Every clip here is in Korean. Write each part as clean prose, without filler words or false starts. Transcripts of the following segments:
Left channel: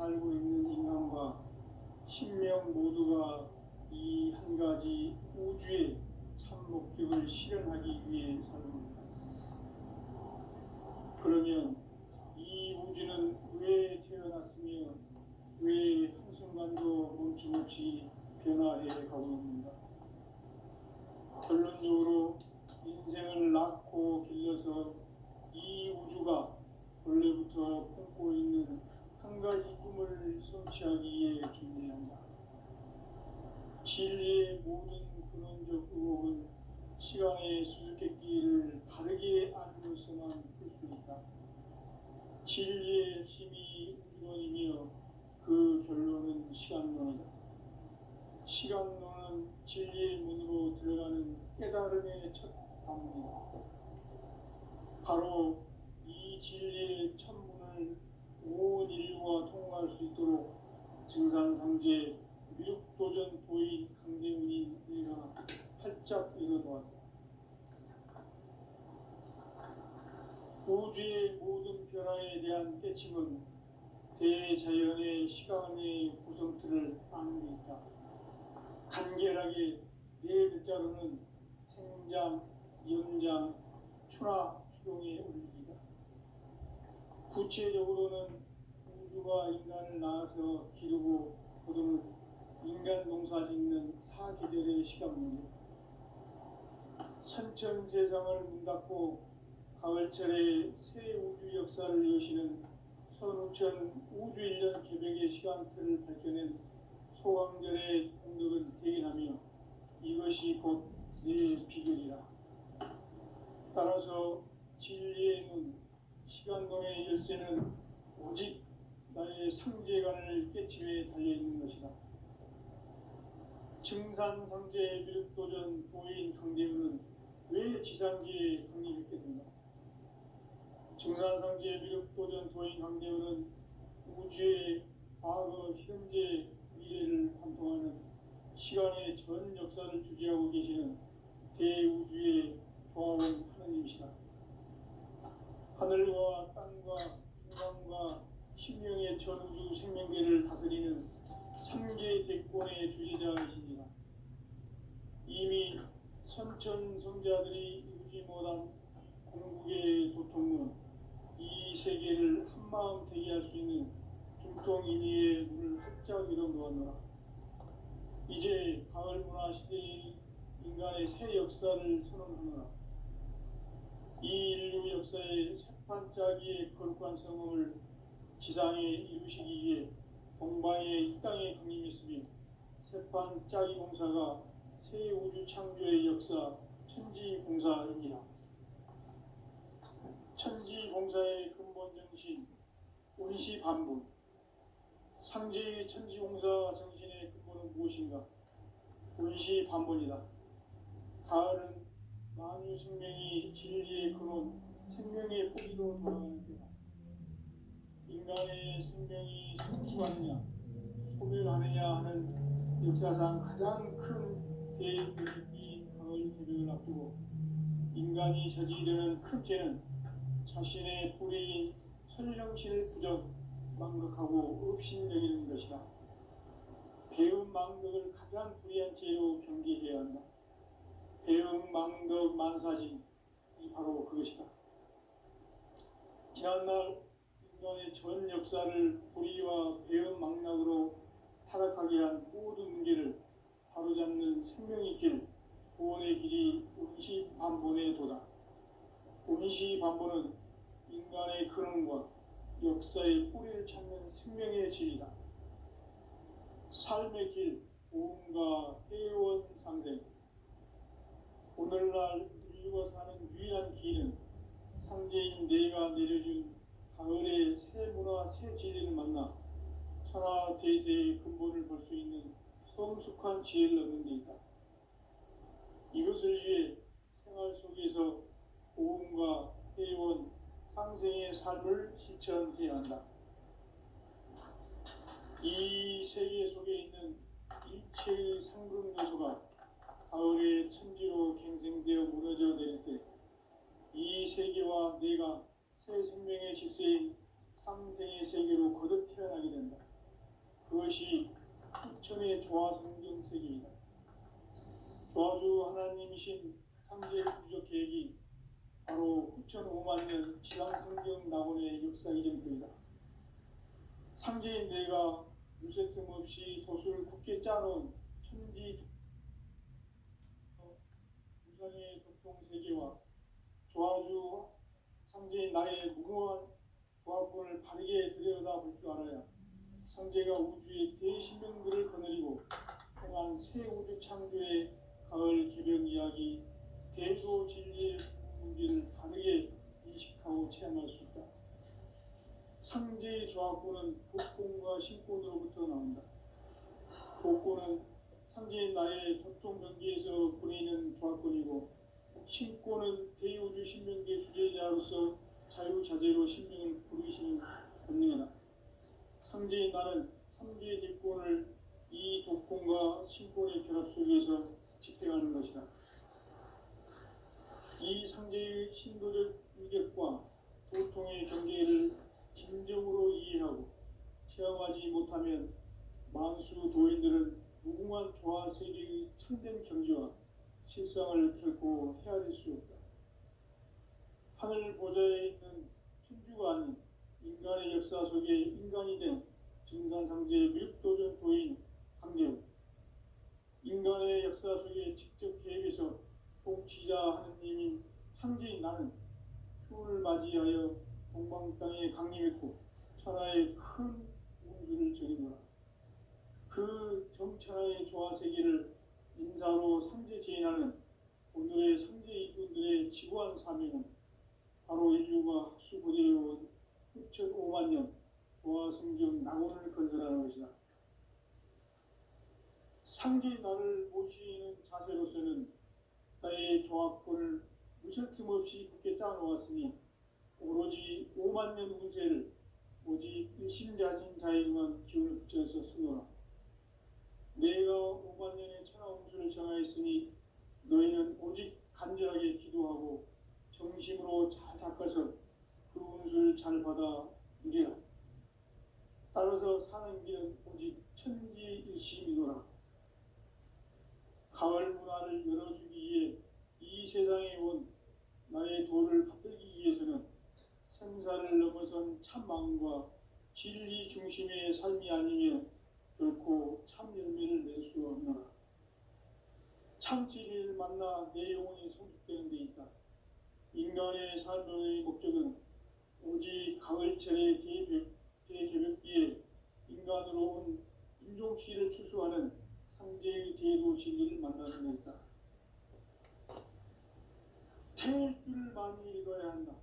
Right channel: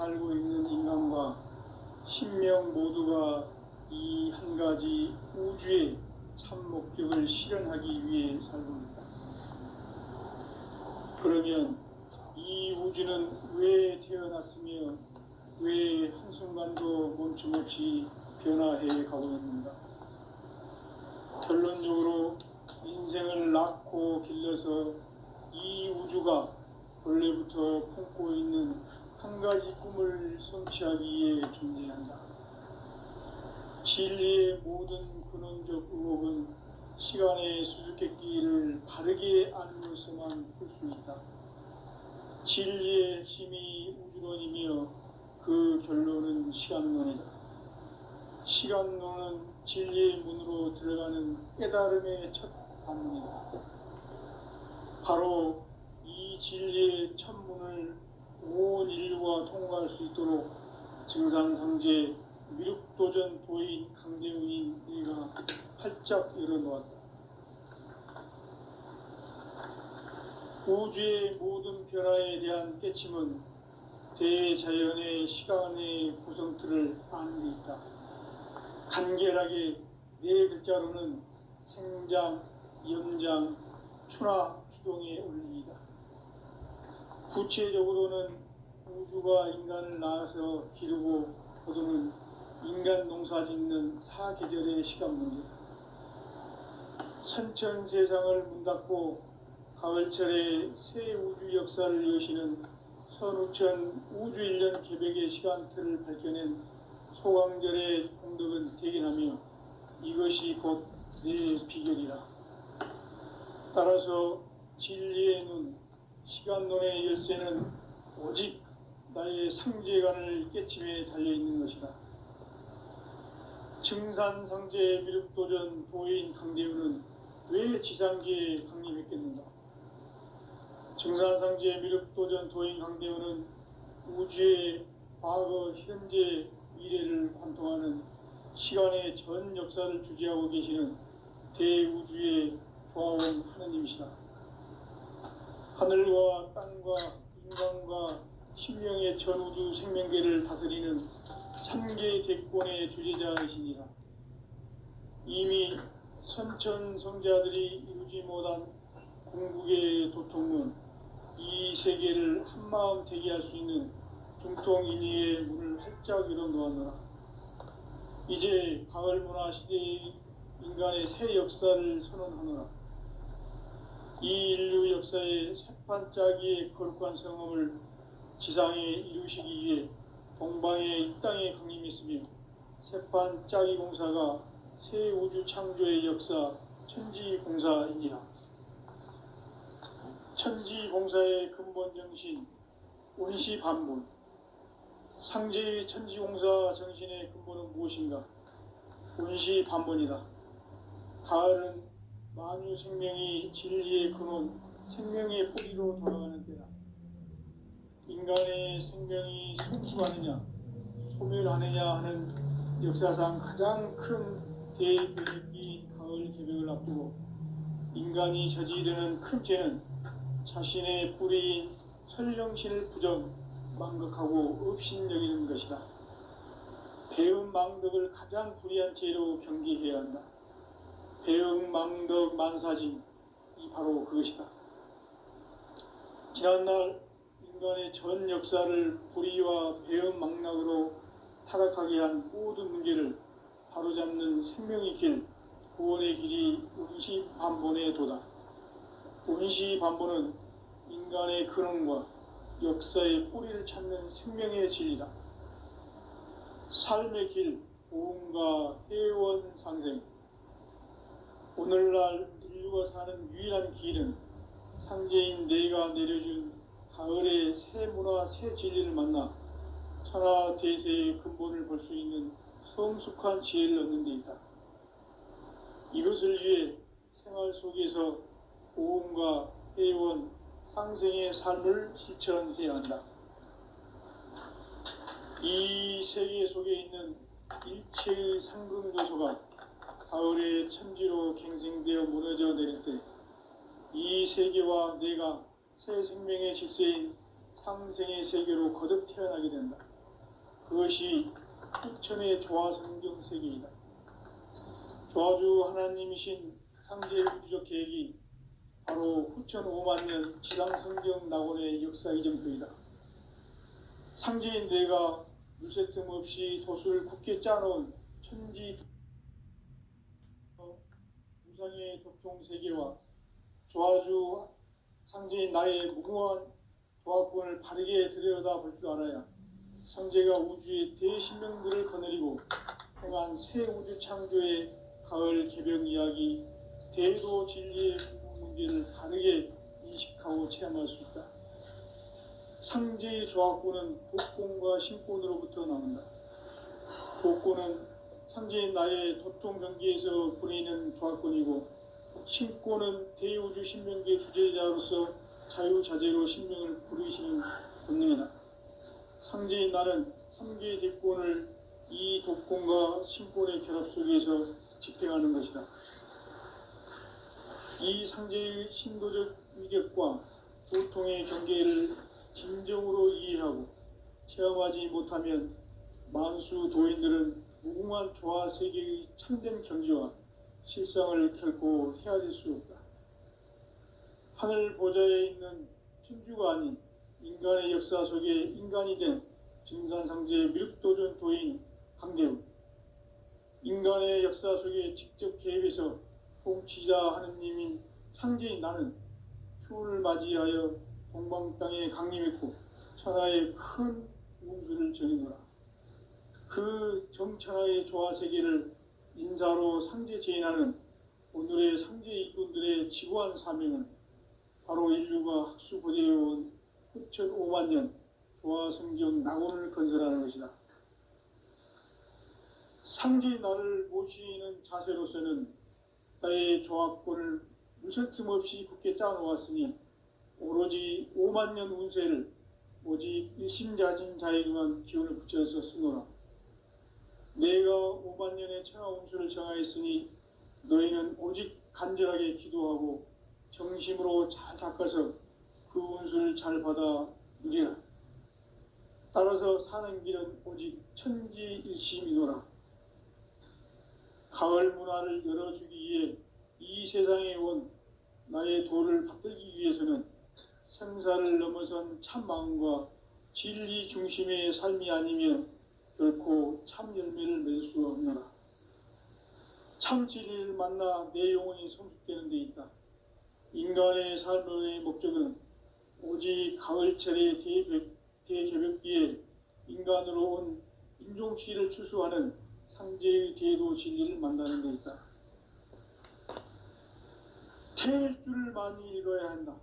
살고 있는 인간과 신명 모두가 이 한 가지 우주의 참 목적을 실현하기 위해 살고 있다. 그러면 이 우주는 왜 태어났으며 왜 한순간도 멈춤없이 변화해 가고 있는가? 결론적으로 인생을 낳고 길러서 이 우주가 원래부터 품고 있는 한 가지 꿈을 성취하기 위해 존재한다. 진리의 모든 근원적 의혹은 시간의 수수께끼를 바르게 알므로서만 풀 수 있다. 진리의 핵심이 우주론이며 그 결론은 시간론이다. 시간론은 진리의 문으로 들어가는 깨달음의 첫 관문이다. 바로 이 진리의 첫 문을 온 인류가 통과할 수 있도록 증산상제 미륵도전 도인 강대훈인 네가 활짝 열어놓았다. 우주의 모든 변화에 대한 깨침은 대자연의 시간의 구성틀을 아는 데 있다. 간결하게 네 글자로는 생장, 염장, 추나 추동의 원리이다. 구체적으로는 우주가 인간을 낳아서 기르고 거두는 인간 농사 짓는 사계절의 시간 문제다. 선천 세상을 문 닫고 가을철에 새 우주 역사를 여시는 선우천 우주 1년 개백의 시간틀을 밝혀낸 소강절의 공덕은 대견하며 이것이 곧 내 비결이라. 따라서 진리의 눈, 시간론의 열쇠는 오직 나의 상제관을 깨침에 달려있는 것이다. 증산상제 미륵도전 도인 강대훈은 왜 지상계에 강림했겠는가? 증산상제 미륵도전 도인 강대훈은 우주의 과거, 현재, 미래를 관통하는 시간의 전 역사를 주재하고 계시는 대우주의 조화원 하느님이시다. 하늘과 땅과 인간과 신명의 전우주 생명계를 다스리는 3개 대권의 주재자이시니라. 이미 선천성자들이 이루지 못한 궁극의 도통문, 이 세계를 한마음 되게 할 수 있는 중통인의의 문을 활짝 열어놓았노라. 이제 가을문화 시대의 인간의 새 역사를 선언하노라. 이 인류 역사의 새판짜기의 거룩한 성험을 지상에 이루시기 위해 동방에 이 땅에 강림했으며 새판짜기 공사가 새 우주 창조의 역사 천지공사이니라. 천지공사의 근본 정신 원시반분, 상제의 천지공사 정신의 근본은 무엇인가? 원시반분이다. 가을은 만유 생명이 진리의 근원, 생명의 뿌리로 돌아가는 때다. 인간의 생명이 성숙하느냐, 소멸하느냐 하는 역사상 가장 큰 대변이 가을 개벽을 앞두고 인간이 저지르는 큰 죄는 자신의 뿌리인 설령신을 부정, 망극하고 업신여기는 것이다. 배은망덕을 가장 불의한 죄로 경계해야 한다. 배은망덕 만사진, 이 바로 그것이다. 지난날 인간의 전 역사를 불의와 배은망락으로 타락하게 한 모든 문제를 바로잡는 생명의 길, 구원의 길이 원시반본의 도다. 원시반본은 인간의 근원과 역사의 뿌리를 찾는 생명의 진리다. 삶의 길, 보험과 회원 상생. 오늘날 인류가 사는 유일한 길은 상제인 내가 내려준 가을의 새 문화, 새 진리를 만나 천하 대세의 근본을 볼 수 있는 성숙한 지혜를 얻는 데 있다. 이것을 위해 생활 속에서 보험과 회원, 상생의 삶을 실천해야 한다. 이 세계 속에 있는 일체의 상금 요소가 가을의 천지로 갱생되어 무너져 내릴 때 이 세계와 내가 새 생명의 질서인 상생의 세계로 거듭 태어나게 된다. 그것이 후천의 조화성경 세계이다. 조화주 하나님이신 상제의 우주적 계획이 바로 후천 5만 년 지상성경 낙원의 역사 이전표이다. 상제인 내가 물새틈 없이 돛을 굳게 짜놓은 천지 우상의 도통 세계와 조화주 상제인 나의 무궁한 조합권을 바르게 들여다볼 줄 알아야 상제가 우주의 대신명들을 거느리고 행한 새 우주 창조의 가을 개벽 이야기, 대도 진리의 문제를 바르게 인식하고 체험할 수 있다. 상제의 조합권은 복권과 신권으로부터 나온다. 복권은 상제인 나의 도통 경계에서 부리는 조합권이고, 신권은 대우주 신명계 주제자로서 자유자재로 신명을 부르시는 본능이다. 상제인 나는 3개의 대권을 이 독권과 신권의 결합 속에서 집행하는 것이다. 이 상제의 신도적 위격과 도통의 경계를 진정으로 이해하고 체험하지 못하면 만수 도인들은 무궁한 조화 세계의 참된 경지와 실상을 결코 헤아릴 수 없다. 하늘 보좌에 있는 천주가 아닌 인간의 역사 속에 인간이 된 증산상제 미륵도전 도인 강대훈, 인간의 역사 속에 직접 개입해서 통치자 하느님인 상제인 나는 추운을 맞이하여 동방 땅에 강림했고 천하의 큰 운수를 정해노라. 그 정천하의 조화 세계를 인사로 상제 제인하는 오늘의 상제 일꾼들의 지구한 사명은 바로 인류가 학수고대해온 후천 5만 년 조화 성경 낙원을 건설하는 것이다. 상제인 나를 모시는 자세로서는 나의 조합권을 무설틈 없이 굳게 짜놓았으니 오로지 5만 년 운세를 오직 일심자진 자에게만 기운을 붙여서 쓰노라. 내가 5만 년의 천하 운수를 정하였으니 너희는 오직 간절하게 기도하고 정심으로 잘 닦아서 그 운수를 잘 받아 누리라. 따라서 사는 길은 오직 천지일심이노라. 가을 문화를 열어주기 위해 이 세상에 온 나의 도를 받들기 위해서는 생사를 넘어선 참 마음과 진리 중심의 삶이 아니면 결코 참 열매를 맺을 수 없노라. 참 진리를 만나 내 영혼이 성숙되는 데 있다. 인간의 삶의 목적은 오직 가을철의 대개벽기에 인간으로 온 인종시를 추수하는 상제의 대도 진리를 만나는 데 있다. 태일주를 많이 읽어야 한다.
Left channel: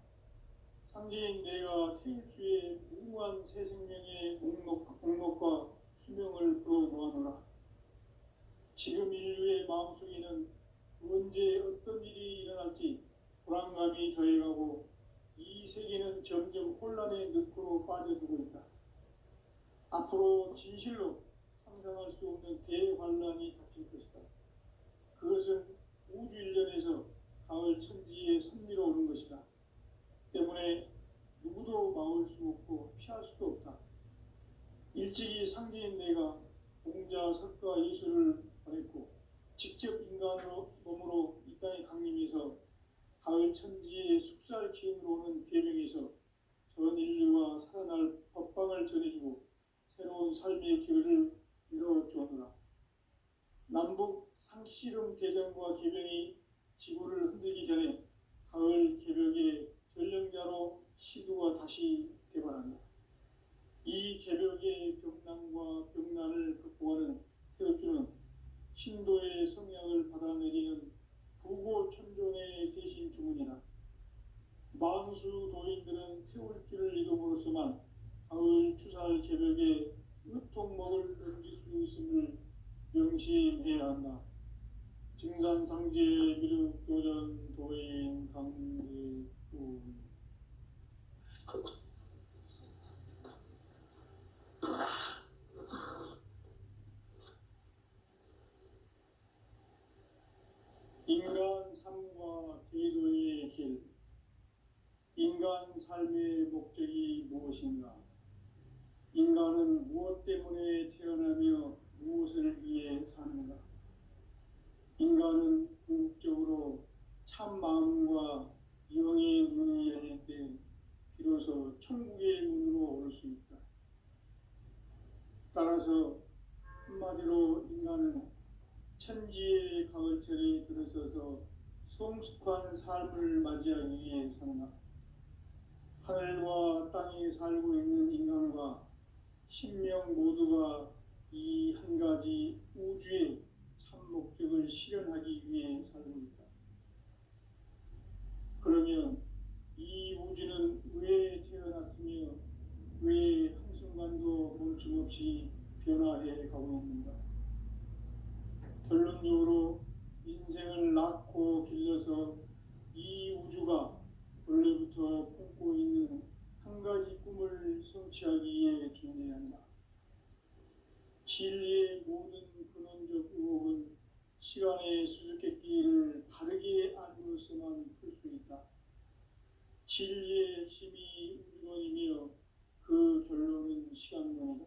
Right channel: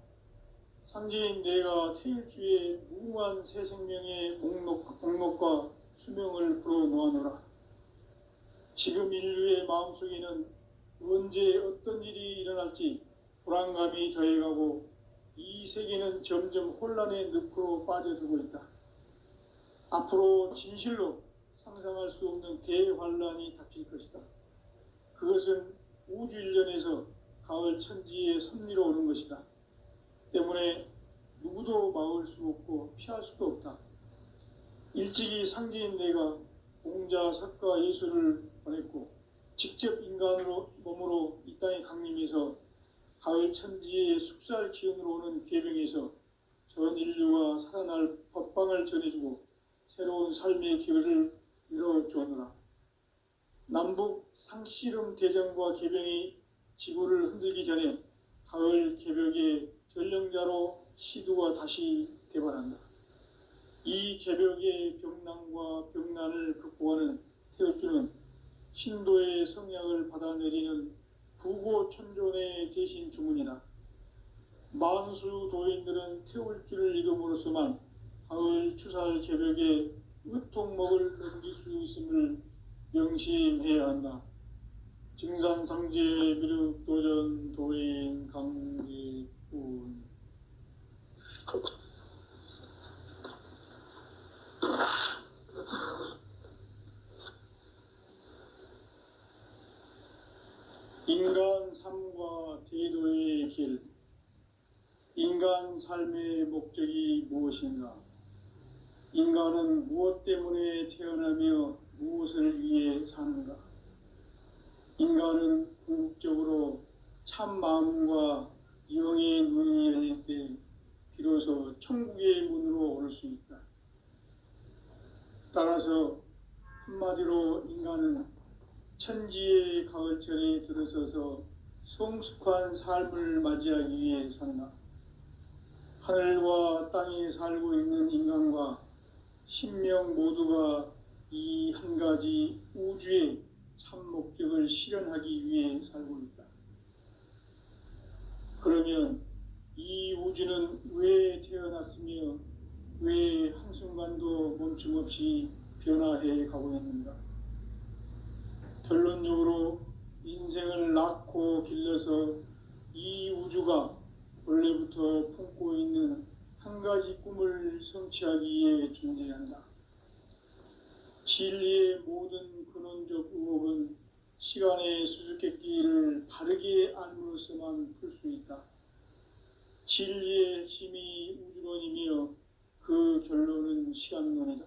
상제인 내가 태일주의 무궁한 새 생명의 목록과 수명을 불어놓아노라. 지금 인류의 마음속에는 언제 어떤 일이 일어날지 불안감이 더해가고 이 세계는 점점 혼란의 늪으로 빠져들고 있다. 앞으로 진실로 상상할 수 없는 대환란이 닥칠 것이다. 그것은 우주 일전에서 가을 천지의 섭리로 오는 것이다. 때문에 누구도 막을 수 없고 피할 수도 없다. 일찍이 상제인 내가 공자, 석가, 예수를 보냈고 직접 인간으로 몸으로 이 땅에 강림해서 가을 천지의 숲살 기운으로 오는 계명에서 전 인류가 살아날 법방을 전해주고 새로운 삶의 기회를 열어주었노라. 남북 상씨름 대전과 개병이 지구를 흔들기 전에 가을 개벽의 전령자로 시두가 다시 대발한다. 이 개벽의 병난과 병난을 극복하는 태엽주는 신도의 성약을 받아내리는 부고천존의 대신 주문이다. 만수 도인들은 태울주를 읽음으로써만 가을 추살 개벽의 으통목을 넘길 수 있음을 명심해야 한다. 증산상제 미륵도전 도인 강대훈. 인간 삶과 대도의 길. 인간 삶의 목적이 무엇인가? 인간은 무엇 때문에 태어나며 무엇을 위해 사는가? 인간은 궁극적으로 참 마음과 영의 눈이 열릴 때 비로소 천국의 문으로 올 수 있다. 따라서 한마디로 인간은 천지의 가을철에 들어서서 성숙한 삶을 맞이하기 위해 산다. 하늘과 땅에 살고 있는 인간과 신명 모두가 이 한 가지 우주의 참 목적을 실현하기 위해 살고 있다. 그러면 이 우주는 왜 태어났으며 왜 한순간도 멈춤없이 변화해 가고 있는가? 결론적으로 인생을 낳고 길러서 이 우주가 원래부터 품고 있는 한 가지 꿈을 성취하기 위해 존재한다. 진리의 모든 근원적 의혹은 시간의 수수께끼를 바르게 알므로서만 풀 수 있다. 진리의 핵심이 우주론이며 그 결론은 시간론이다.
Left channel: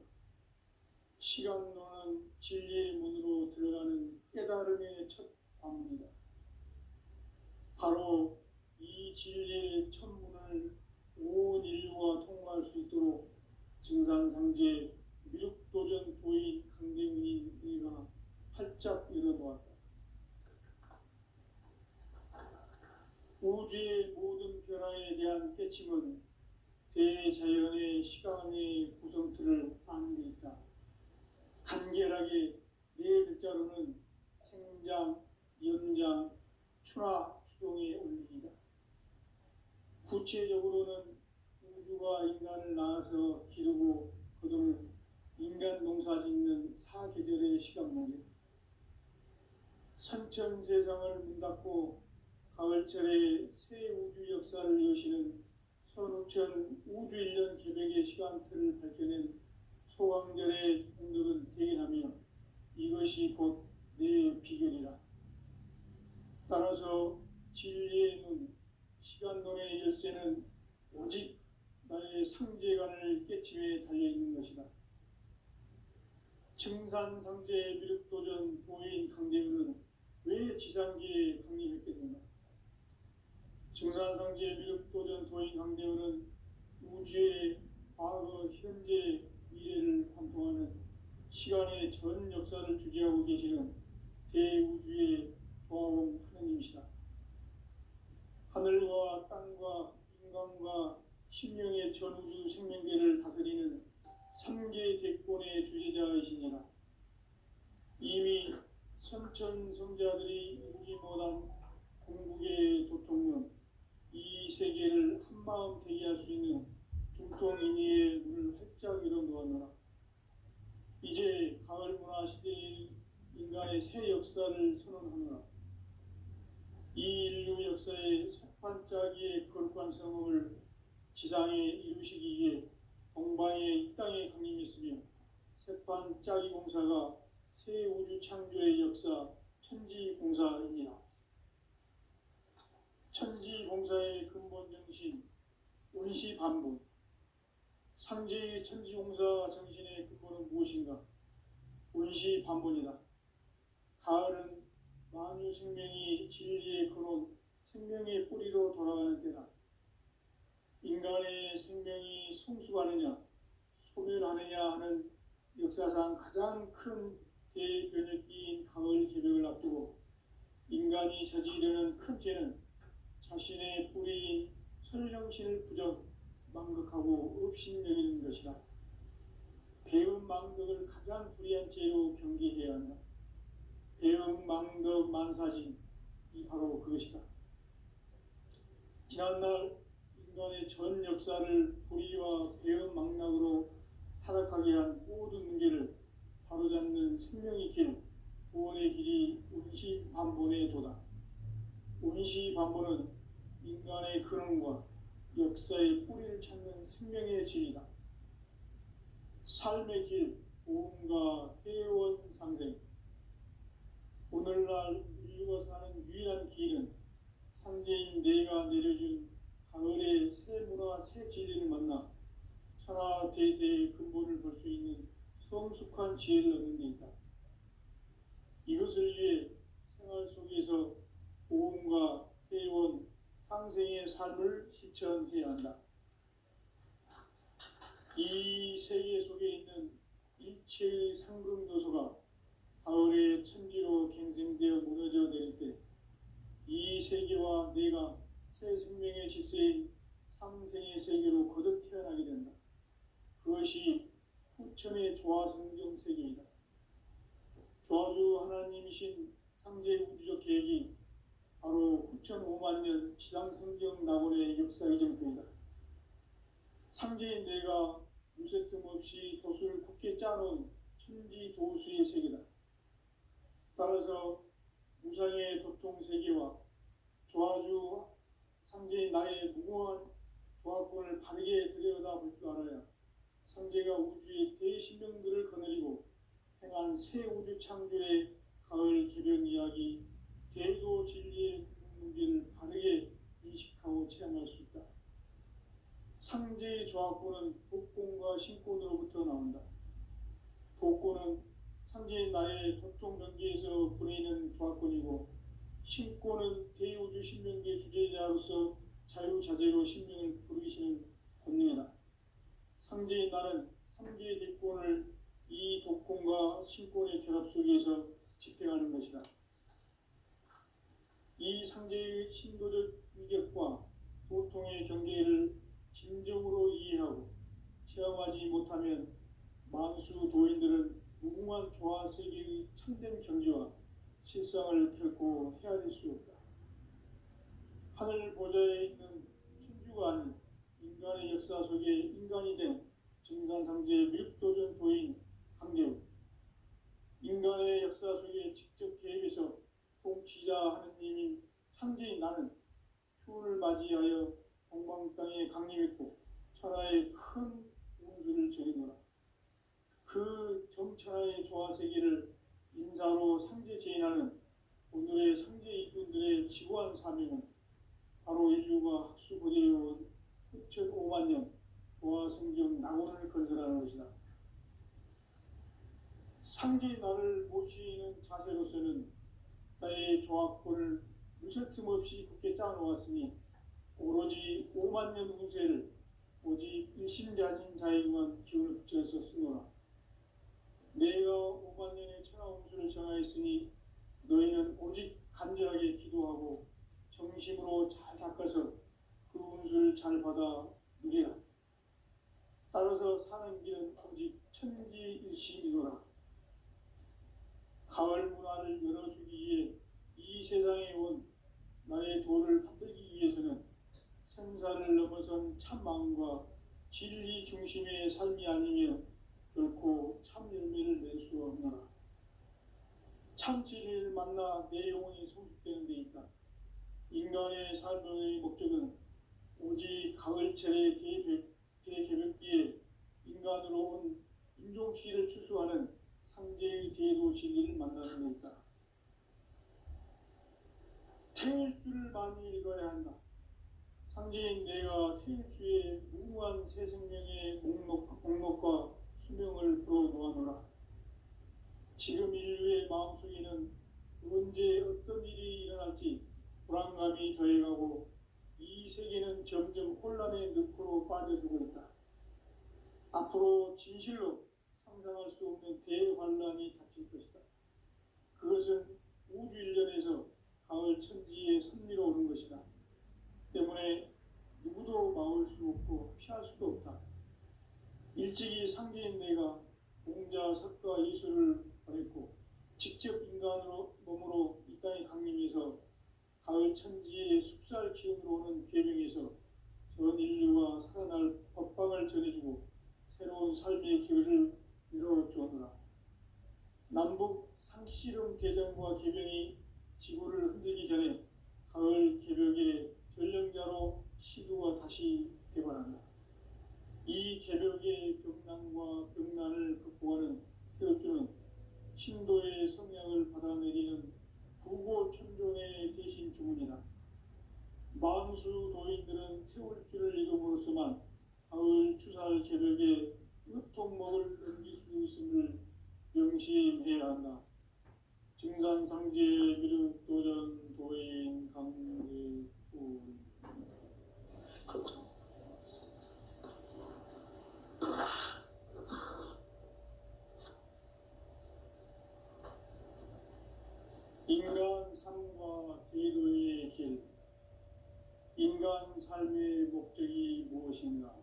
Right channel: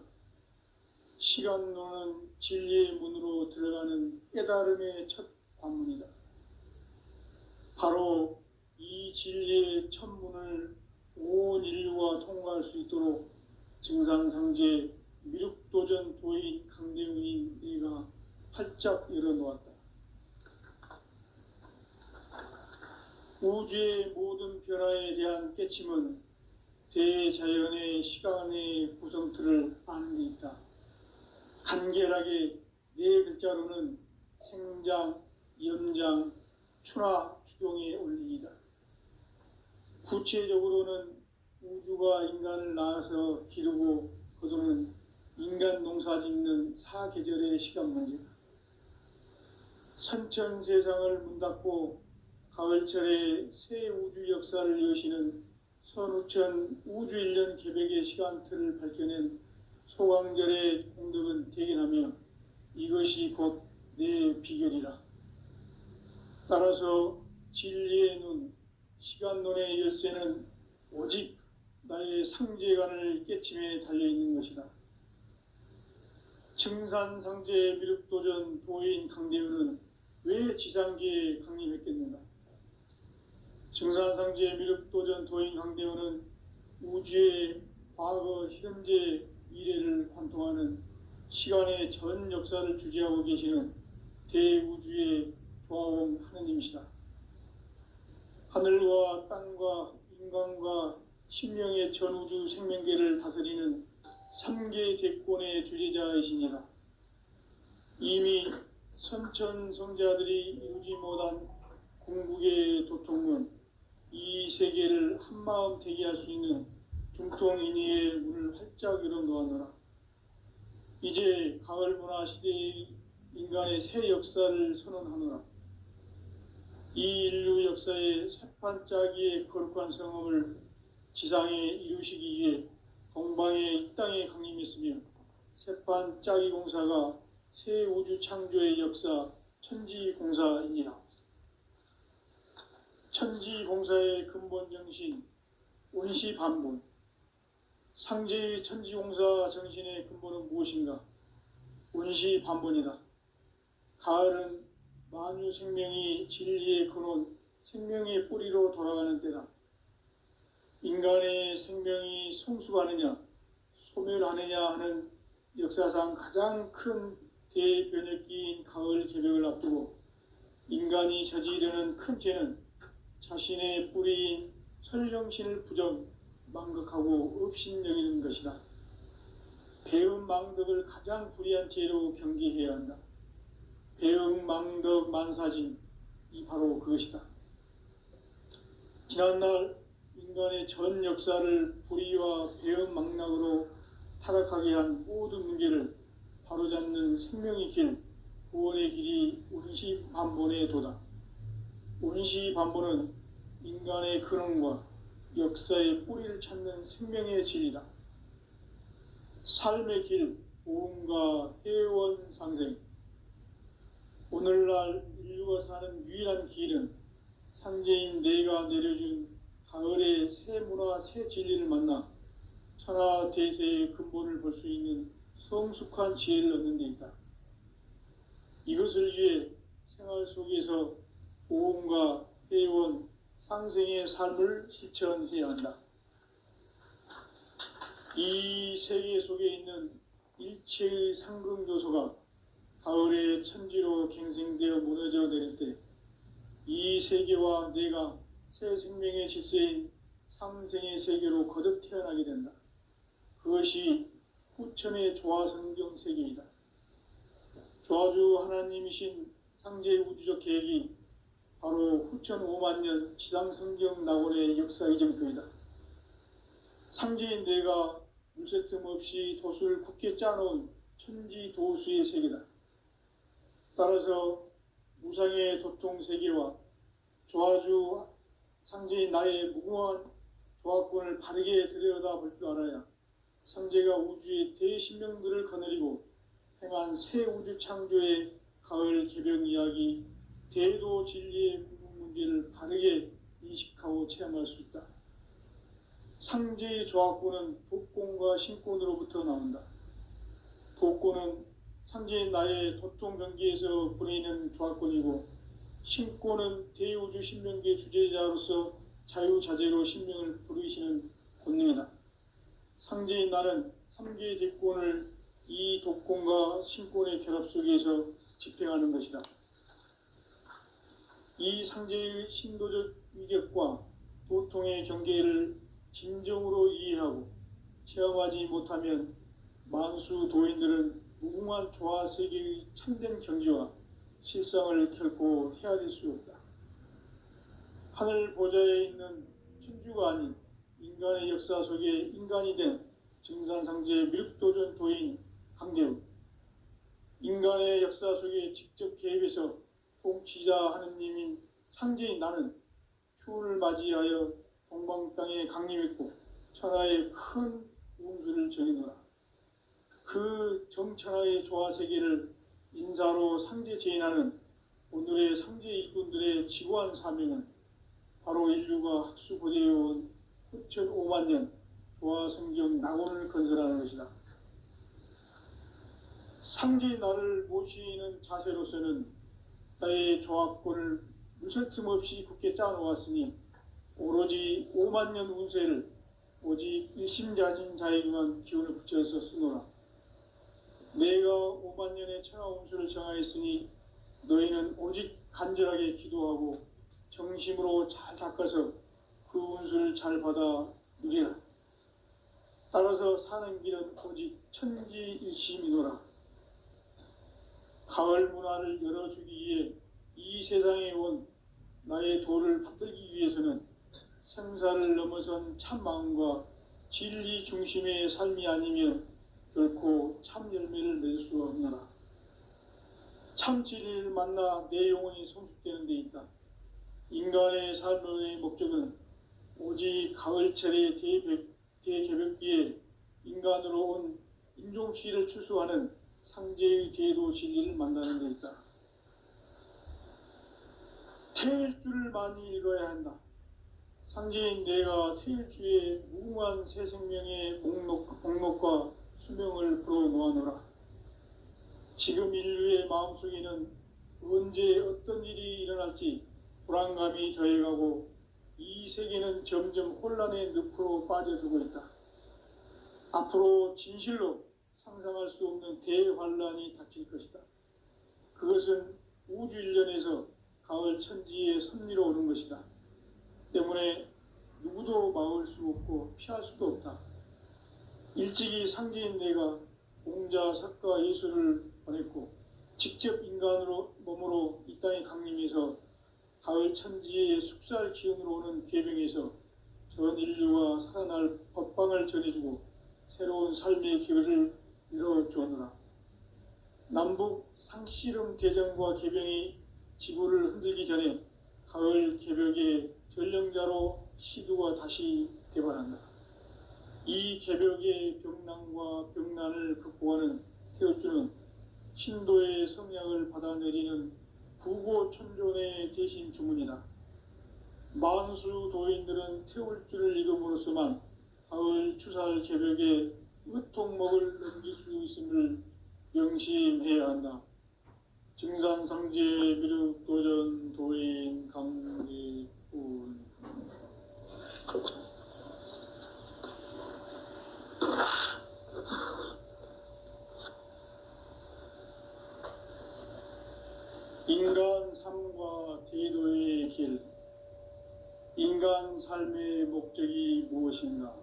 시간론은 진리의 문으로 들어가는 깨달음의 첫 관문이다. 바로 이 진리의 첫 문을 온 인류가 통과할 수 있도록 증산상제 미륵도전 도인 강대훈인 내가 활짝 열어놓았다. 우주의 모든 변화에 대한 깨침은 대자연의 시간의 구성틀을 아는 데 있다. 간결하게 네 글자로는 생장, 연장, 추나 추종의 원리이다. 구체적으로는 우주가 인간을 낳아서 기르고 거두는 인간 농사 짓는 사계절의 시간 문제다. 선천 세상을 문닫고 가을철에 새 우주 역사를 여시는 선우천 우주 1년 계백의 시간틀을 밝혀낸 소강절의 공덕은 대견하며 이것이 곧 내 비결이라. 따라서 진리의 눈, 시간론의 열쇠는 오직 나의 상제관을 깨침에 달려있는 것이다. 증산상제 미륵도전 도인 강대훈은 왜 지상계에 강림했겠는가? 증산상제 미륵도전 도인 강대훈은 우주의 과거, 현재, 미래를 관통하는 시간의 전 역사를 주재하고 계시는 대우주의 조화원 하느님이시다. 하늘과 땅과 인간과 신명의 전우주 생명계를 다스리는 3계 대권의 주재자이시니라. 이미 선천성자들이 이루지 못한 궁극의 도통은 이 세계를 한마음 되게 할 수 있는 중통인의의 문을 활짝 열어놓았노라. 이제 가을 문화 시대의 인간의 새 역사를 선언하노라. 이 인류 역사의 새판짜기의 거룩한 성험을 지상에 이루시기 위해 동방의 이 땅에 강림했으며 새판짜기 공사가 새 우주 창조의 역사 천지공사이니라. 천지공사의 근본 정신 원시반본. 상제의 천지공사 정신의 근본은 무엇인가? 원시반본이다. 가을은 만유 생명이 진리의 근원, 생명의 뿌리로 돌아가는 때다. 인간의 생명이 성숙하느냐, 소멸하느냐 하는 역사상 가장 큰 대변혁기인 가을 개벽을 앞두고 인간이 저지르는 큰 죄는 자신의 뿌리인 설령신을 부정, 망극하고 업신여기는 것이다. 배은 망덕을 가장 불의한 죄로 경계해야 한다. 배응 망덕 만사진, 이 바로 그것이다. 지난날 인간의 전 역사를 불의와 배응 망락으로 타락하게 한 모든 문제를 바로잡는 생명의 길, 구원의 길이 원시반본의 도다. 원시반본은 인간의 근원과 역사의 뿌리를 찾는 생명의 진리다. 삶의 길, 보험과 회원 상생. 오늘날 인류가 사는 유일한 길은 상제인 내가 내려준 가을의 새 문화, 새 진리를 만나 천하 대세의 근본을 볼 수 있는 성숙한 지혜를 얻는 데 있다. 이것을 위해 생활 속에서 보험과 회원, 상생의 삶을 실천해야 한다. 이 세계 속에 있는 일체의 상극 요소가 가을의 천지로 갱생되어 무너져 내릴 때 이 세계와 내가 새 생명의 질서인 삼생의 세계로 거듭 태어나게 된다. 그것이 후천의 조화성경 세계이다. 조화주 하나님이신 상제 우주적 계획이 바로 후천 5만 년 지상성경 낙원의 역사 이정표이다. 상제인 내가 물새 틈 없이 도수를 굳게 짜놓은 천지 도수의 세계다. 따라서 무상의 도통 세계와 조화주 상제인 나의 무궁한 조화권을 바르게 들여다볼 줄 알아야 상제가 우주의 대신명들을 거느리고 행한 새 우주 창조의 가을 개벽 이야기, 대도 진리의 문제를 바르게 인식하고 체험할 수 있다. 상제의 조화권은 독권과 신권으로부터 나온다. 독권은 상제인 나의 도통 경계에서 부리는 조화권이고, 신권은 대우주 신명계 주제자로서 자유자재로 신명을 부르시는 권능이다. 상제인 나는 3개의 대권을 이 독권과 신권의 결합 속에서 집행하는 것이다. 이 상제의 신도적 위격과 도통의 경계를 진정으로 이해하고 체험하지 못하면 만수 도인들은 무궁한 조화 세계의 참된 경지와 실상을 결코 헤아릴 수 없다. 하늘 보좌에 있는 천주가 아닌 인간의 역사 속에 인간이 된 증산상제 밀도전 도인 강대우, 인간의 역사 속에 직접 개입해서 통치자 하느님인 상제인 나는 추운을 맞이하여 동방 땅에 강림했고 천하의 큰 운수를 정해놓아. 그 정천하의 조화 세계를 인사로 상제 제인하는 오늘의 상제 일꾼들의 지고한 사명은 바로 인류가 학수고대해온 후천 5만 년 조화 성경 낙원을 건설하는 것이다. 상제의 나를 모시는 자세로서는 나의 조합권을 물설틈 없이 굳게 짜놓았으니 오로지 5만 년 운세를 오직 일심자진 자에게만 기운을 붙여서 쓰노라. 내가 5만 년의 천하 운수를 정하였으니 너희는 오직 간절하게 기도하고 정심으로 잘 닦아서 그 운수를 잘 받아 누리라. 따라서 사는 길은 오직 천지일심이노라. 가을 문화를 열어주기 위해 이 세상에 온 나의 도를 받들기 위해서는 생사를 넘어선 참마음과 진리 중심의 삶이 아니면 결코 참 열매를 맺을 수 없노라. 참 진리를 만나 내 영혼이 성숙되는 데 있다. 인간의 삶의 목적은 오직 가을철의 대개벽기에 인간으로 온 인종시를 추수하는 상제의 대도 진리를 만나는 데 있다. 태일주를 많이 읽어야 한다. 상제인 내가 태일주의 무궁한 새 생명의 목록과 수명을 불어놓아노라. 지금 인류의 마음속에는 언제 어떤 일이 일어날지 불안감이 더해가고 이 세계는 점점 혼란의 늪으로 빠져들고 있다. 앞으로 진실로 상상할 수 없는 대환란이 닥칠 것이다. 그것은 우주 일련에서 가을 천지의 섭리로 오는 것이다. 때문에 누구도 막을 수 없고 피할 수도 없다. 일찍이 상제인 내가 공자, 석가, 예수를 보냈고 직접 인간으로 몸으로 이 땅에 강림해서 가을 천지의 숙살 기운으로 오는 계명에서 전 인류가 살아날 법방을 전해주고 새로운 삶의 기회를 이뤄주었노라. 남북 상씨름 대전과 개병이 지구를 흔들기 전에 가을 개벽의 전령자로 시두가 다시 대발한다. 이 개벽의 병난과 병난을 극복하는 태울주는 신도의 성량을 받아내리는 부고천존의 대신 주문이다. 만수 도인들은 태울주를 읽음으로써만 가을 추살 개벽에 으통목을 넘길 수 있음을 명심해야 한다. 증산상제 미륵도전 도인 강제운 인간 삶과 대도의 길. 인간 삶의 목적이 무엇인가?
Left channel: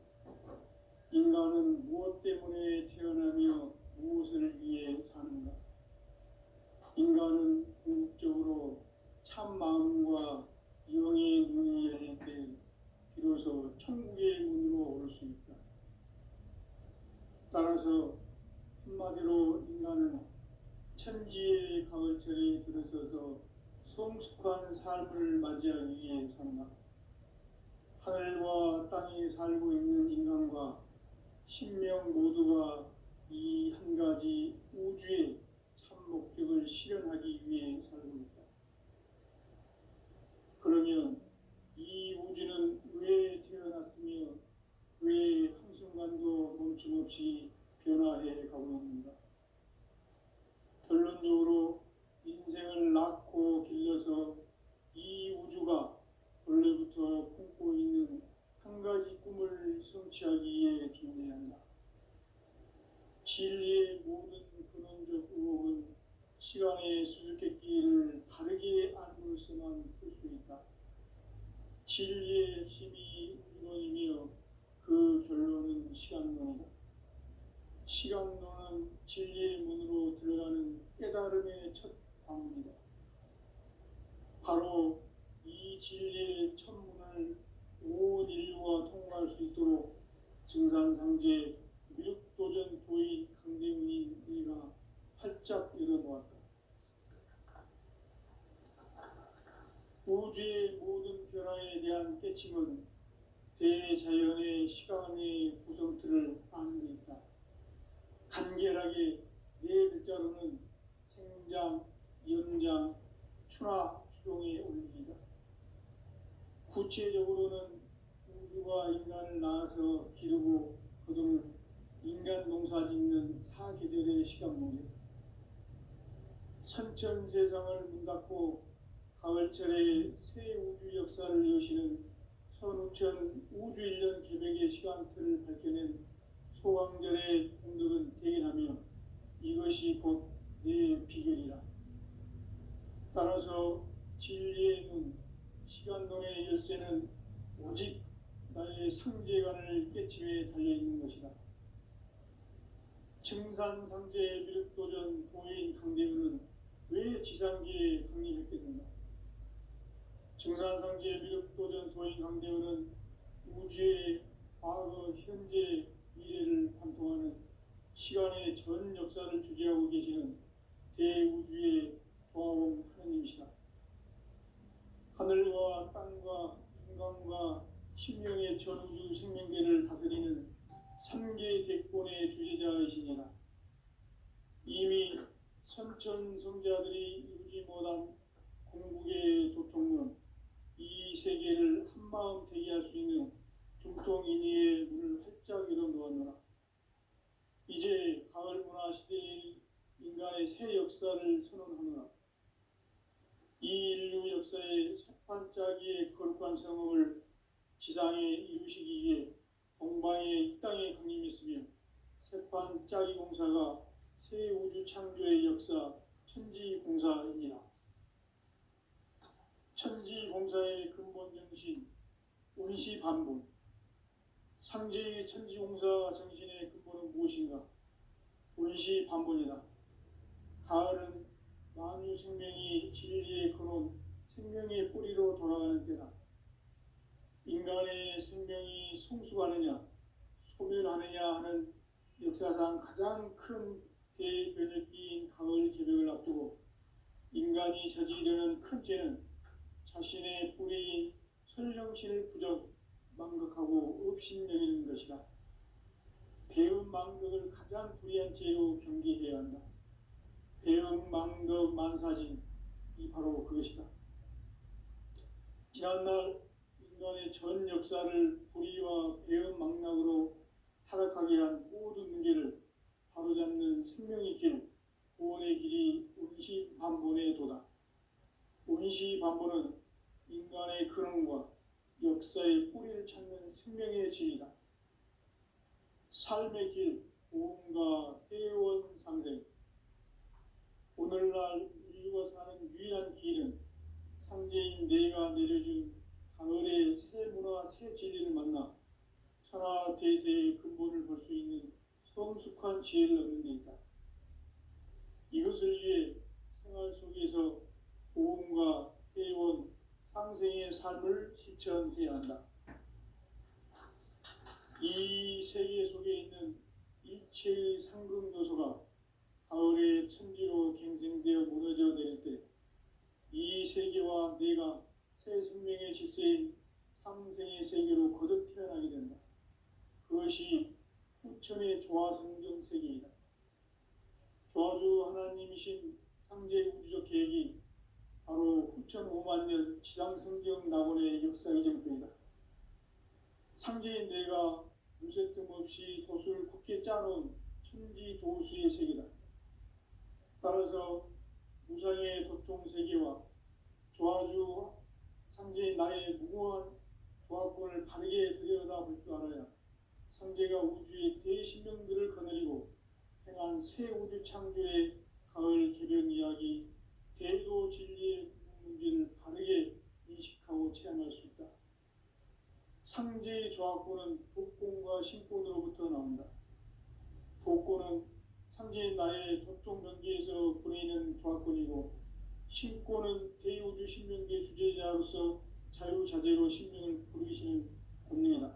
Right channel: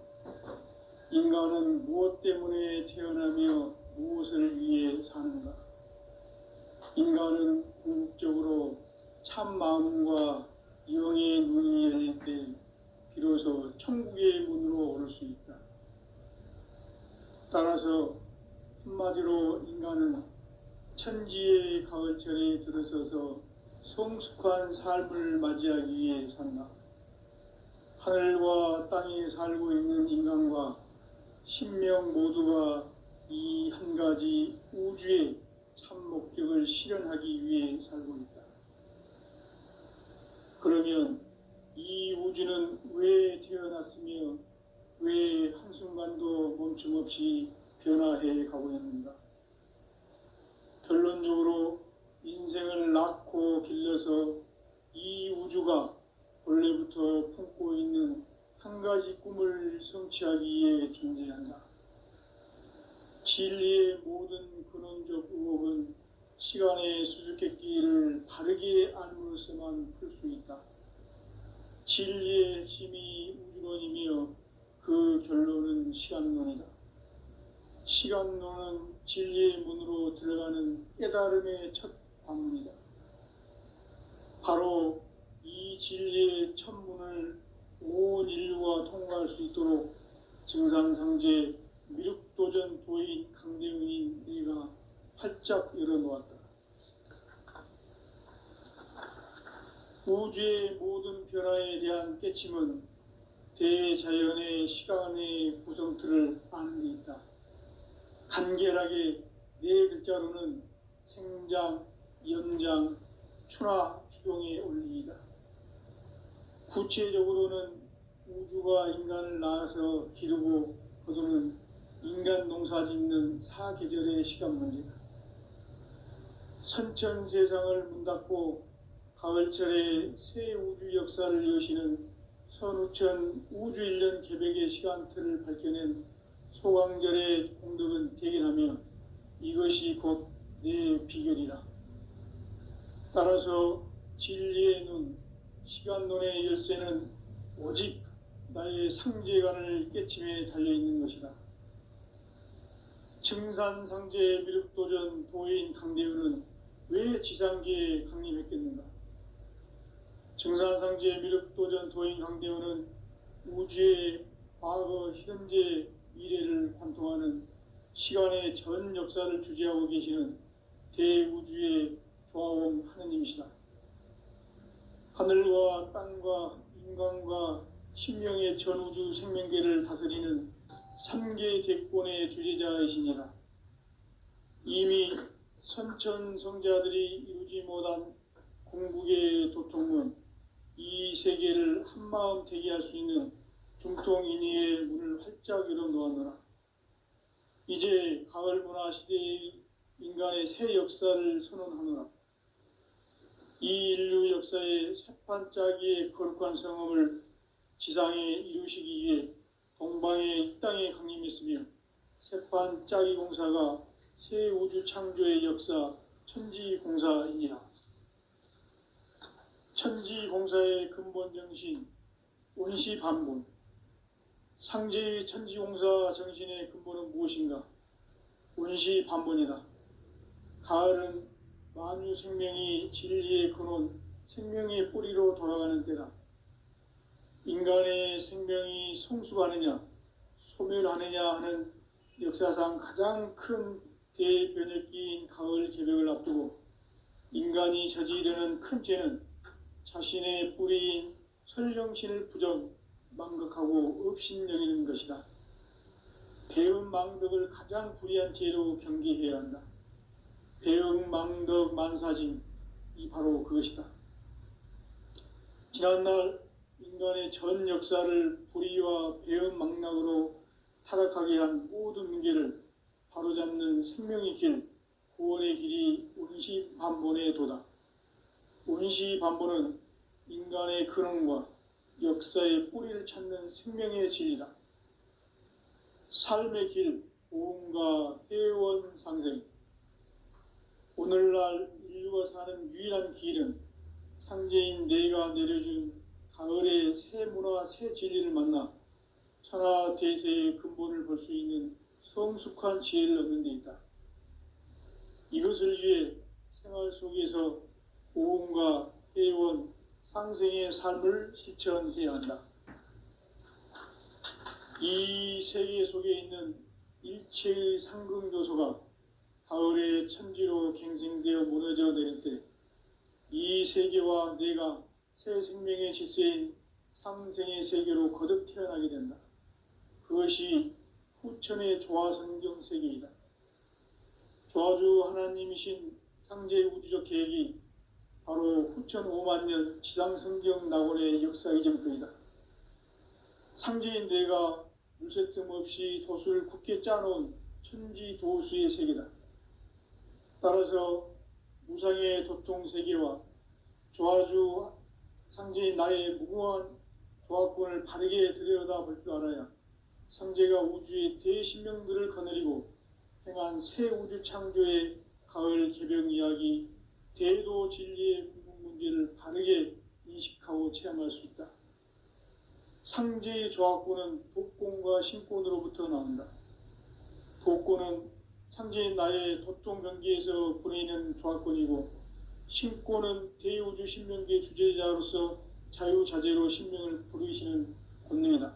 인간은 무엇 때문에 태어나며 무엇을 위해 사는가? 인간은 궁극적으로 참 마음과 영의 눈이 열릴 때 비로소 천국의 문으로 오를 수 있다. 따라서 한마디로 인간은 천지의 가을철에 들어서서 성숙한 삶을 맞이하기 위해 산다. 하늘과 땅에 살고 있는 인간과 신명 모두가 이 한 가지 우주의 참 목적을 실현하기 위해 살고 있다. 그러면 이 우주는 왜 태어났으며 왜 한순간도 멈춤 없이 변화해 가고 있는가? 결론적으로 인생을 낳고 길러서 이 우주가 원래부터 품고 있는 한 가지 꿈을 성취하기 위해 존재한다. 진리의 모든 근원적 의혹은 시간의 수수께끼를 바르게 알므로서만 풀 수 있다. 진리의 핵심이 우주론이며 그 결론은 시간론이다. 시간론은 진리의 문으로 들어가는 깨달음의 첫 방문이다. 바로 이 진리의 첫 문을 온 인류가 통과할 수 있도록 증산상제 미륵도전 도인 강대웅인 내가 활짝 열어놓았다. 우주의 모든 변화에 대한 깨침은 대자연의 시간의 구성틀을 아는 데 있다. 간결하게 네 글자로는 생장, 연장, 추나 추동의 원리이다. 구체적으로는 우주가 인간을 낳아서 기르고 거두는 인간 농사 짓는 사계절의 시간 문제다. 선천 세상을 문 닫고 가을철에 새 우주 역사를 여시는 선우천 우주 1년 개벽의 시간틀을 밝혀낸 소강절의 공덕은 대견하며 이것이 곧 내 비결이라. 따라서 진리의 눈, 시간론의 열쇠는 오직 나의 상제관을 깨침에 달려있는 것이다. 증산상제 미륵도전 도인 강대훈은 왜 지상계에 강림했겠는가? 증산상제 미륵도전 도인 강대훈은 우주의 과거, 현재, 미래를 관통하는 시간의 전 역사를 주재하고 계시는 대우주의 조화원 하느님이시다. 하늘과 땅과 인간과 신명의 전우주 생명계를 다스리는 3계 대권의 주제자이시니라. 이미 선천성자들이 이루지 못한 궁극의 도통은 이 세계를 한마음 되게 할 수 있는 중통인의의 문을 활짝 열어놓았노라. 이제 가을 문화 시대의 인간의 새 역사를 선언하노라. 이 인류 역사의 새판짜기의 거룩한 성험을 지상에 이루시기 위해 동방의 이 땅에 강림했으며 새판짜기 공사가 새 우주 창조의 역사 천지공사이니라. 천지공사의 근본 정신 원시반분. 상제의 천지공사 정신의 근본은 무엇인가? 원시반분이다. 가을은 만유 생명이 진리의 근원, 생명의 뿌리로 돌아가는 때다. 인간의 생명이 성숙하느냐, 소멸하느냐 하는 역사상 가장 큰 대변혁기인 가을 개벽을 앞두고 인간이 저지르는 큰 죄는 자신의 뿌리인 설령신을 부정, 망각하고 업신여기는 것이다. 배움 망덕을 가장 불의한 죄로 경계해야 한다. 배움 망덕 만사징, 이 바로 그것이다. 지난날 인간의 전 역사를 불의와 배은망락으로 타락하게 한 모든 문제를 바로잡는 생명의 길, 구원의 길이 운시반본의 도다. 운시반본은 인간의 근원과 역사의 뿌리를 찾는 생명의 진리다. 삶의 길, 보험과 회원 상생. 오늘날 인류가 사는 유일한 길은 상제인 내가 내려준 가을의 새 문화, 새 진리를 만나 천하 대세의 근본을 볼 수 있는 성숙한 지혜를 얻는 데 있다. 이것을 위해 생활 속에서 보험과 회원, 상생의 삶을 실천해야 한다. 이 세계 속에 있는 일체의 상승요소가 가을의 천지로 갱생되어 무너져 내릴 때 이 세계와 내가 새 생명의 질서인 상생의 세계로 거듭 태어나게 된다. 그것이 후천의 조화성경 세계이다. 조화주 하나님이신 상제 우주적 계획이 바로 후천 5만 년 지상성경 낙원의 역사 이전거이다. 상제인 내가 물새 틈 없이 도수를 굳게 짜놓은 천지 도수의 세계다. 따라서 무상의 도통 세계와 조화주 상제인 나의 무궁한 조화권을 바르게 들여다볼 줄 알아야 상제가 우주의 대신명들을 거느리고 행한 새 우주 창조의 가을 개병 이야기, 대도 진리의 궁극 문제를 바르게 인식하고 체험할 수 있다. 상제의 조화권은 독권과 신권으로부터 나온다. 독권은 상제인 나의 도통 경계에서 보내는 조화권이고, 신권은 대우주 신명계 주제자로서 자유자재로 신명을 부르시는 권능이다.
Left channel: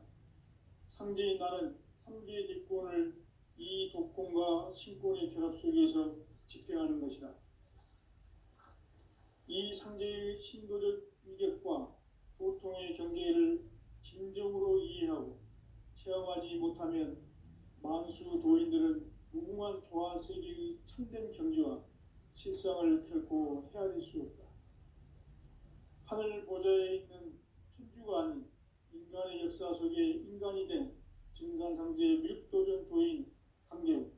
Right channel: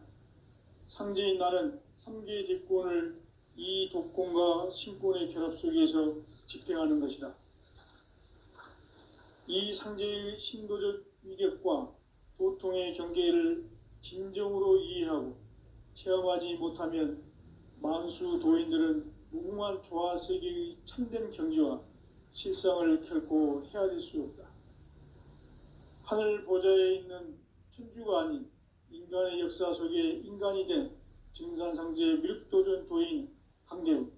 상제인 나는 3개의 대권을 이 독권과 신권의 결합 속에서 집행하는 것이다. 이 상제의 신도적 위력과 도통의 경계를 진정으로 이해하고 체험하지 못하면 만수 도인들은 무궁한 조화세계의 참된 경지와 실상을 결코 헤아릴 수 없다. 하늘 보좌에 있는 천주가 아닌 인간의 역사 속에 인간이 된 증산상제 미륵도전 도인 강대우,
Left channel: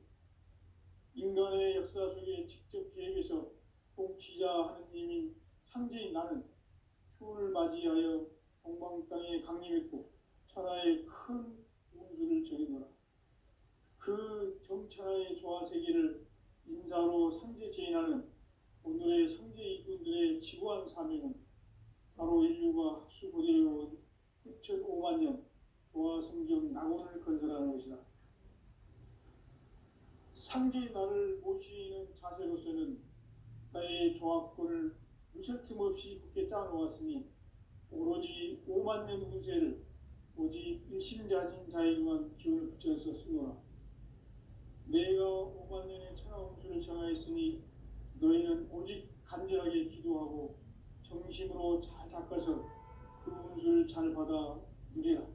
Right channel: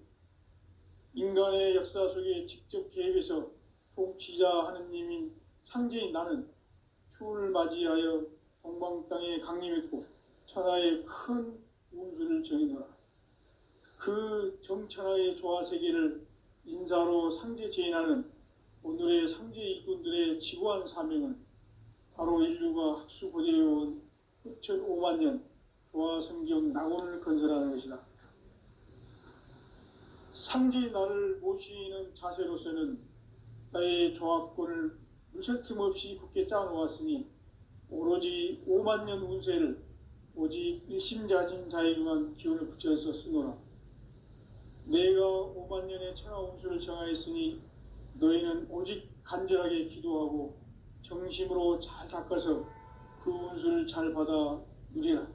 인간의 역사 속에 직접 개입해서 통치자 하느님인 상제인 나는 추운을 맞이하여 동방 땅에 강림했고 천하의 큰 운수를 정의노라. 그 정천하의 조화세계를 인사로 상제 제인하는 오늘의 상제 일꾼들의 지구한 사명은 바로 인류가 학수고대해온 후천 5만 년 조화성경 낙원을 건설하는 것이다. 상제의 나를 모시는 자세로서는 나의 조합권을 물새틈 없이 굳게 짜놓았으니 오로지 5만 년 운세를 오직 일심자진 자에게만 기운을 붙여서 쓰노라. 내가 5만 년의 천하 운수를 정하였으니 너희는 오직 간절하게 기도하고 정심으로 잘 닦아서 그 운수를 잘 받아 누리라.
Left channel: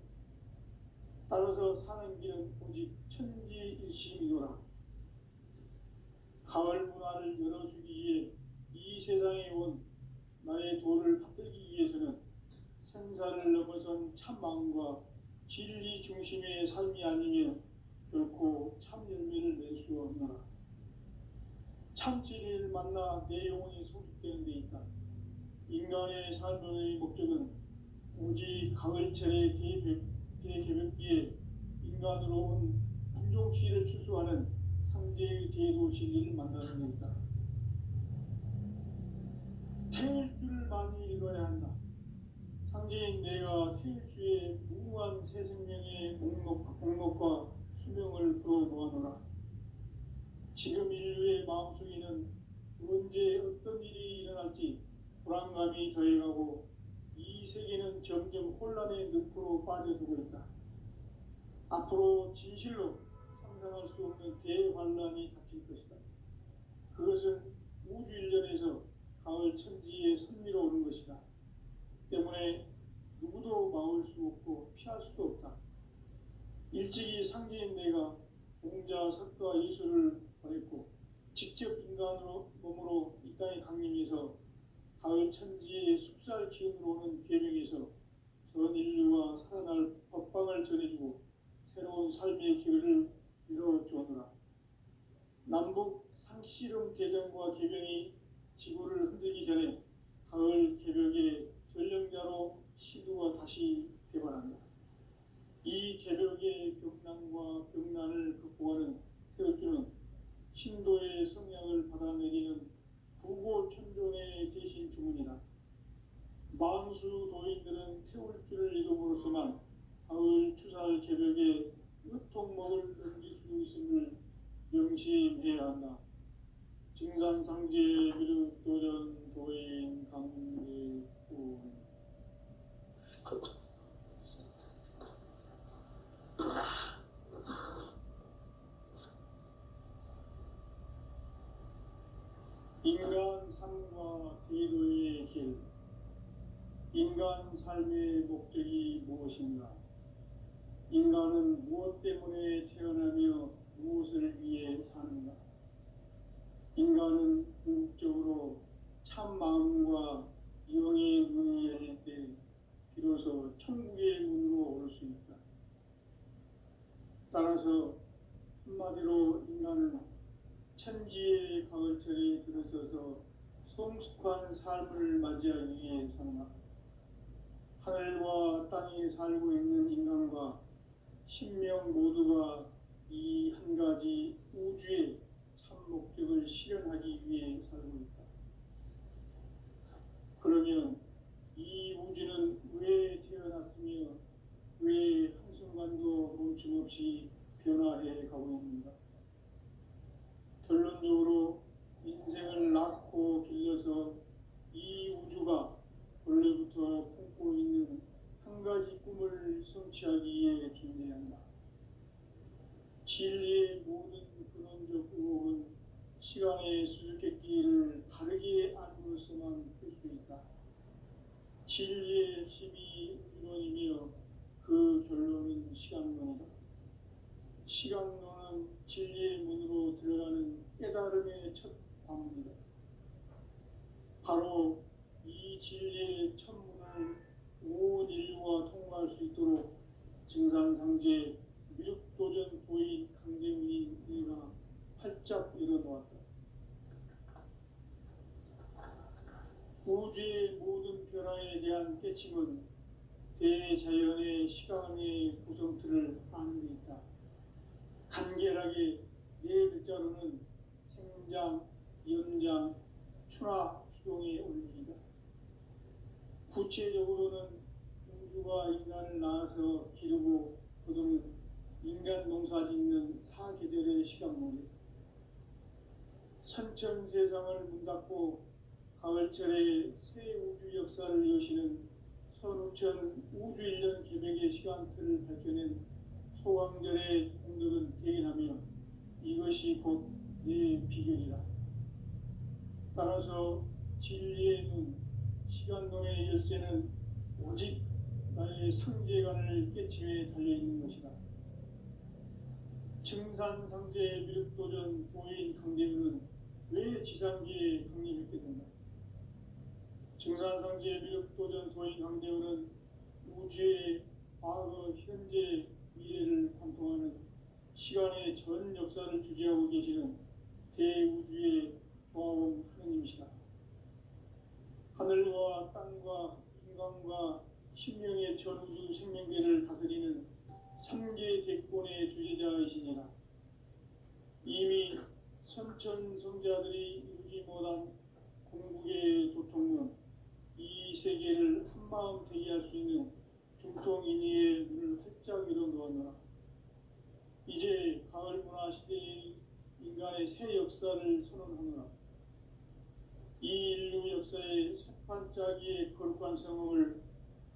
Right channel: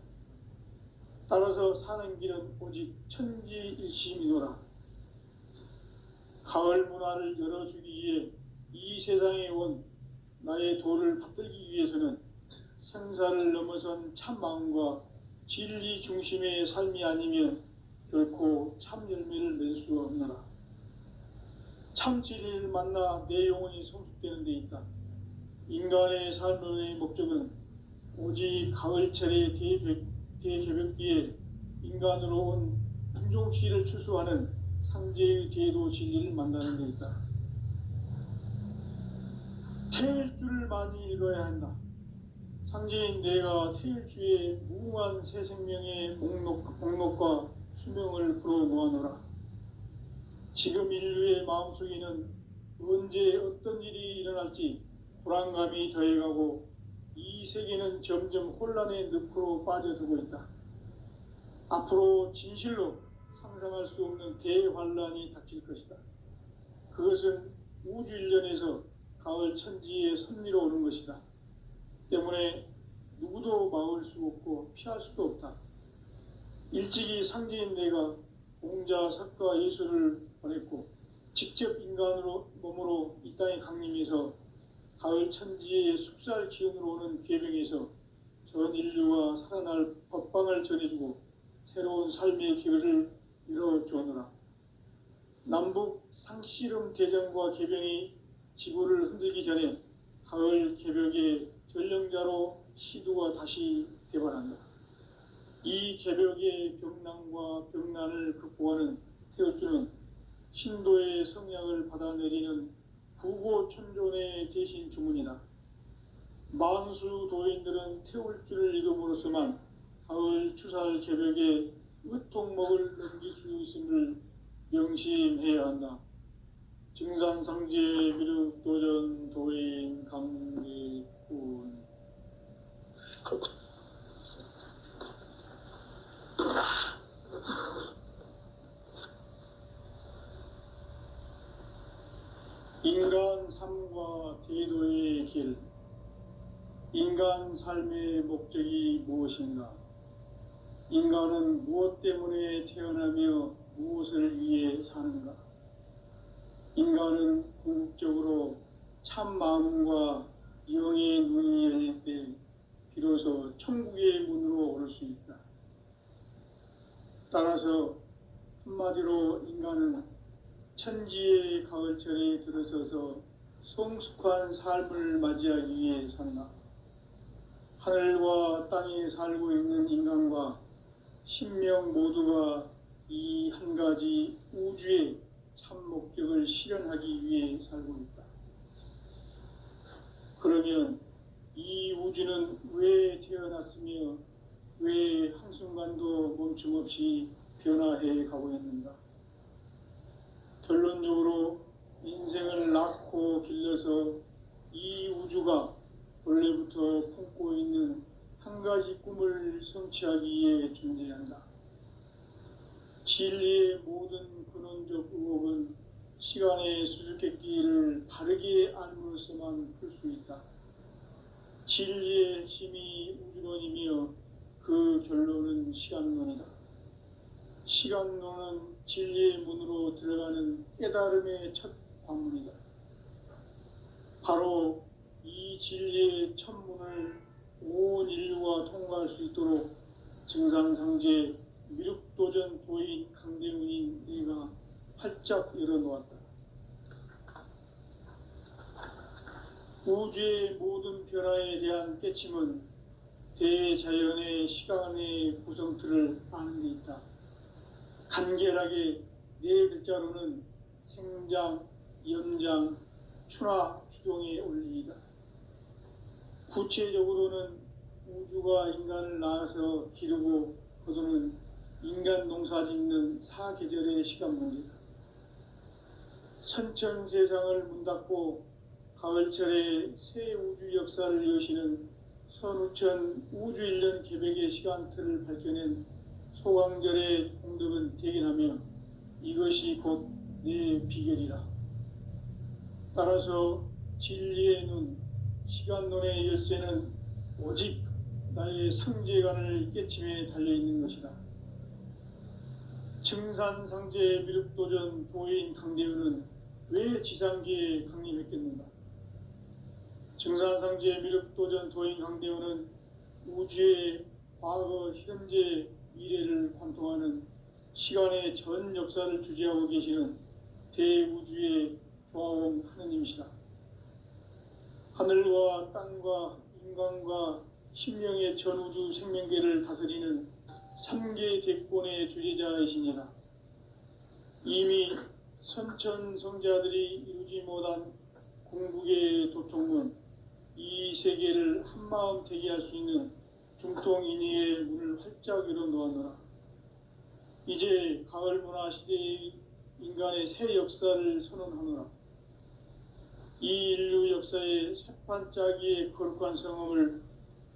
따라서 사는 길은 오직 천지일심이노라. 가을 문화를 열어주기 위해 이 세상에 온 나의 도를 받들기 위해서는 생사를 넘어선 참마음과 진리 중심의 삶이 아니면 결코 참 열매를 맺을 수 없노라. 참 진리를 만나 내 영혼이 성숙되는 데 있다. 인간의 삶의 목적은 오직 가을철의 대개벽기에 인간으로 온 인종시를 추수하는 상제의 대도 진리를 만나는 데 있다. 태일주를 많이 읽어야 한다. 상제인 내가 태일주의 무궁한 새 생명의 목록과 수명을 불어모아노라. 지금 인류의 마음속에는 언제 어떤 일이 일어날지 불안감이 더해가고 이 세계는 점점 혼란의 늪으로 빠져들고 있다. 앞으로 진실로 상상할 수 없는 대환란이 닥칠 것이다. 그것은 우주 일련에서 가을 천지의 섭리로 오는 것이다. 때문에 누구도 막을 수 없고 피할 수도 없다. 일찍이 상제인 내가 공자, 석가, 예수를 보냈고 직접 인간으로 몸으로 이 땅에 강림해서 가을 천지의 숲살 기운으로 오는 계명에서 전 인류가 살아날 법방을 전해주고 새로운 삶의 기회를 열어주었노라. 남북 상씨름 대전과 개병이 지구를 흔들기 전에 가을 개벽의 전령자로 시두가 다시 대발한다. 이 개벽의 병난과 병난을 극복하는 태울주는 신도의 성량을 받아내리는 부고천존의 대신 주문이다. 만수 도인들은 태울주를 읽음으로써만 가을 추살 개벽의 으통목을 넘길 수 있음을 명심해야 한다. 증산상제 미륵도전 도인 강대군. 인간 삶과 대도의 길. 인간 삶의 목적이 무엇인가? 인간은 무엇 때문에 태어나며 무엇을 위해 사는가? 인간은 궁극적으로 참 마음과 영의 눈이 열릴 때 비로소 천국의 문으로 오를 수 있다. 따라서 한마디로 인간은 천지의 가을철에 들어서서 성숙한 삶을 맞이하기 위해 산다. 하늘과 땅에 살고 있는 인간과 신명 모두가 이 한 가지 우주의 참 목적을 실현하기 위해 살고 있다. 그러면 이 우주는 왜 태어났으며 왜 한순간도 멈춤없이 변화해 가고 있는가? 결론적으로 인생을 낳고 길러서 이 우주가 원래부터 품고 있는 한 가지 꿈을 성취하기 위해 존재한다. 진리의 모든 근원적 의혹은 시간의 수수께끼를 바르게 알므로써만 풀 수 있다. 진리의 핵심이 우주론이며 그 결론은 시간론이다. 시간론은 진리의 문으로 들어가는 깨달음의 첫 관문이다. 바로 이 진리의 첫 문을 온 인류가 통과할 수 있도록 증산상제 미륵도전 도인 강대훈인 내가 활짝 열어놓았다. 우주의 모든 변화에 대한 깨침은 대자연의 시간의 구성틀을 아는 데 있다. 간결하게 네 글자로는 생장, 연장, 추나 추동의 원리이다. 구체적으로는 우주가 인간을 낳아서 기르고 거두는 인간 농사 짓는 사계절의 시간 문제다. 선천 세상을 문 닫고 가을철에 새 우주 역사를 여시는 선우천 우주 1년 개벽의 시간틀을 밝혀낸 소강절의 공덕은 대견하며 이것이 곧 내 비결이라. 따라서 진리의 눈, 시간론의 열쇠는 오직 나의 상제관을 깨침에 달려있는 것이다. 증산상제 미륵도전 도인 강대훈은 왜 지상기에 강림했겠는가? 증산상제 미륵도전 도인 강대훈은 우주의 과거, 현재, 미래를 관통하는 시간의 전 역사를 주재하고 계시는 대우주의 조화원 하느님이시다. 하늘과 땅과 인간과 신명의 전우주 생명계를 다스리는 3개 대권의 주제자이시니라. 이미 선천성자들이 이루지 못한 궁극의 도통은 이 세계를 한마음 되게 할 수 있는 중통인의의 문을 활짝 열어놓았노라. 이제 가을 문화 시대의 인간의 새 역사를 선언하노라. 이 인류 역사의 새판짜기의 거룩한 성험을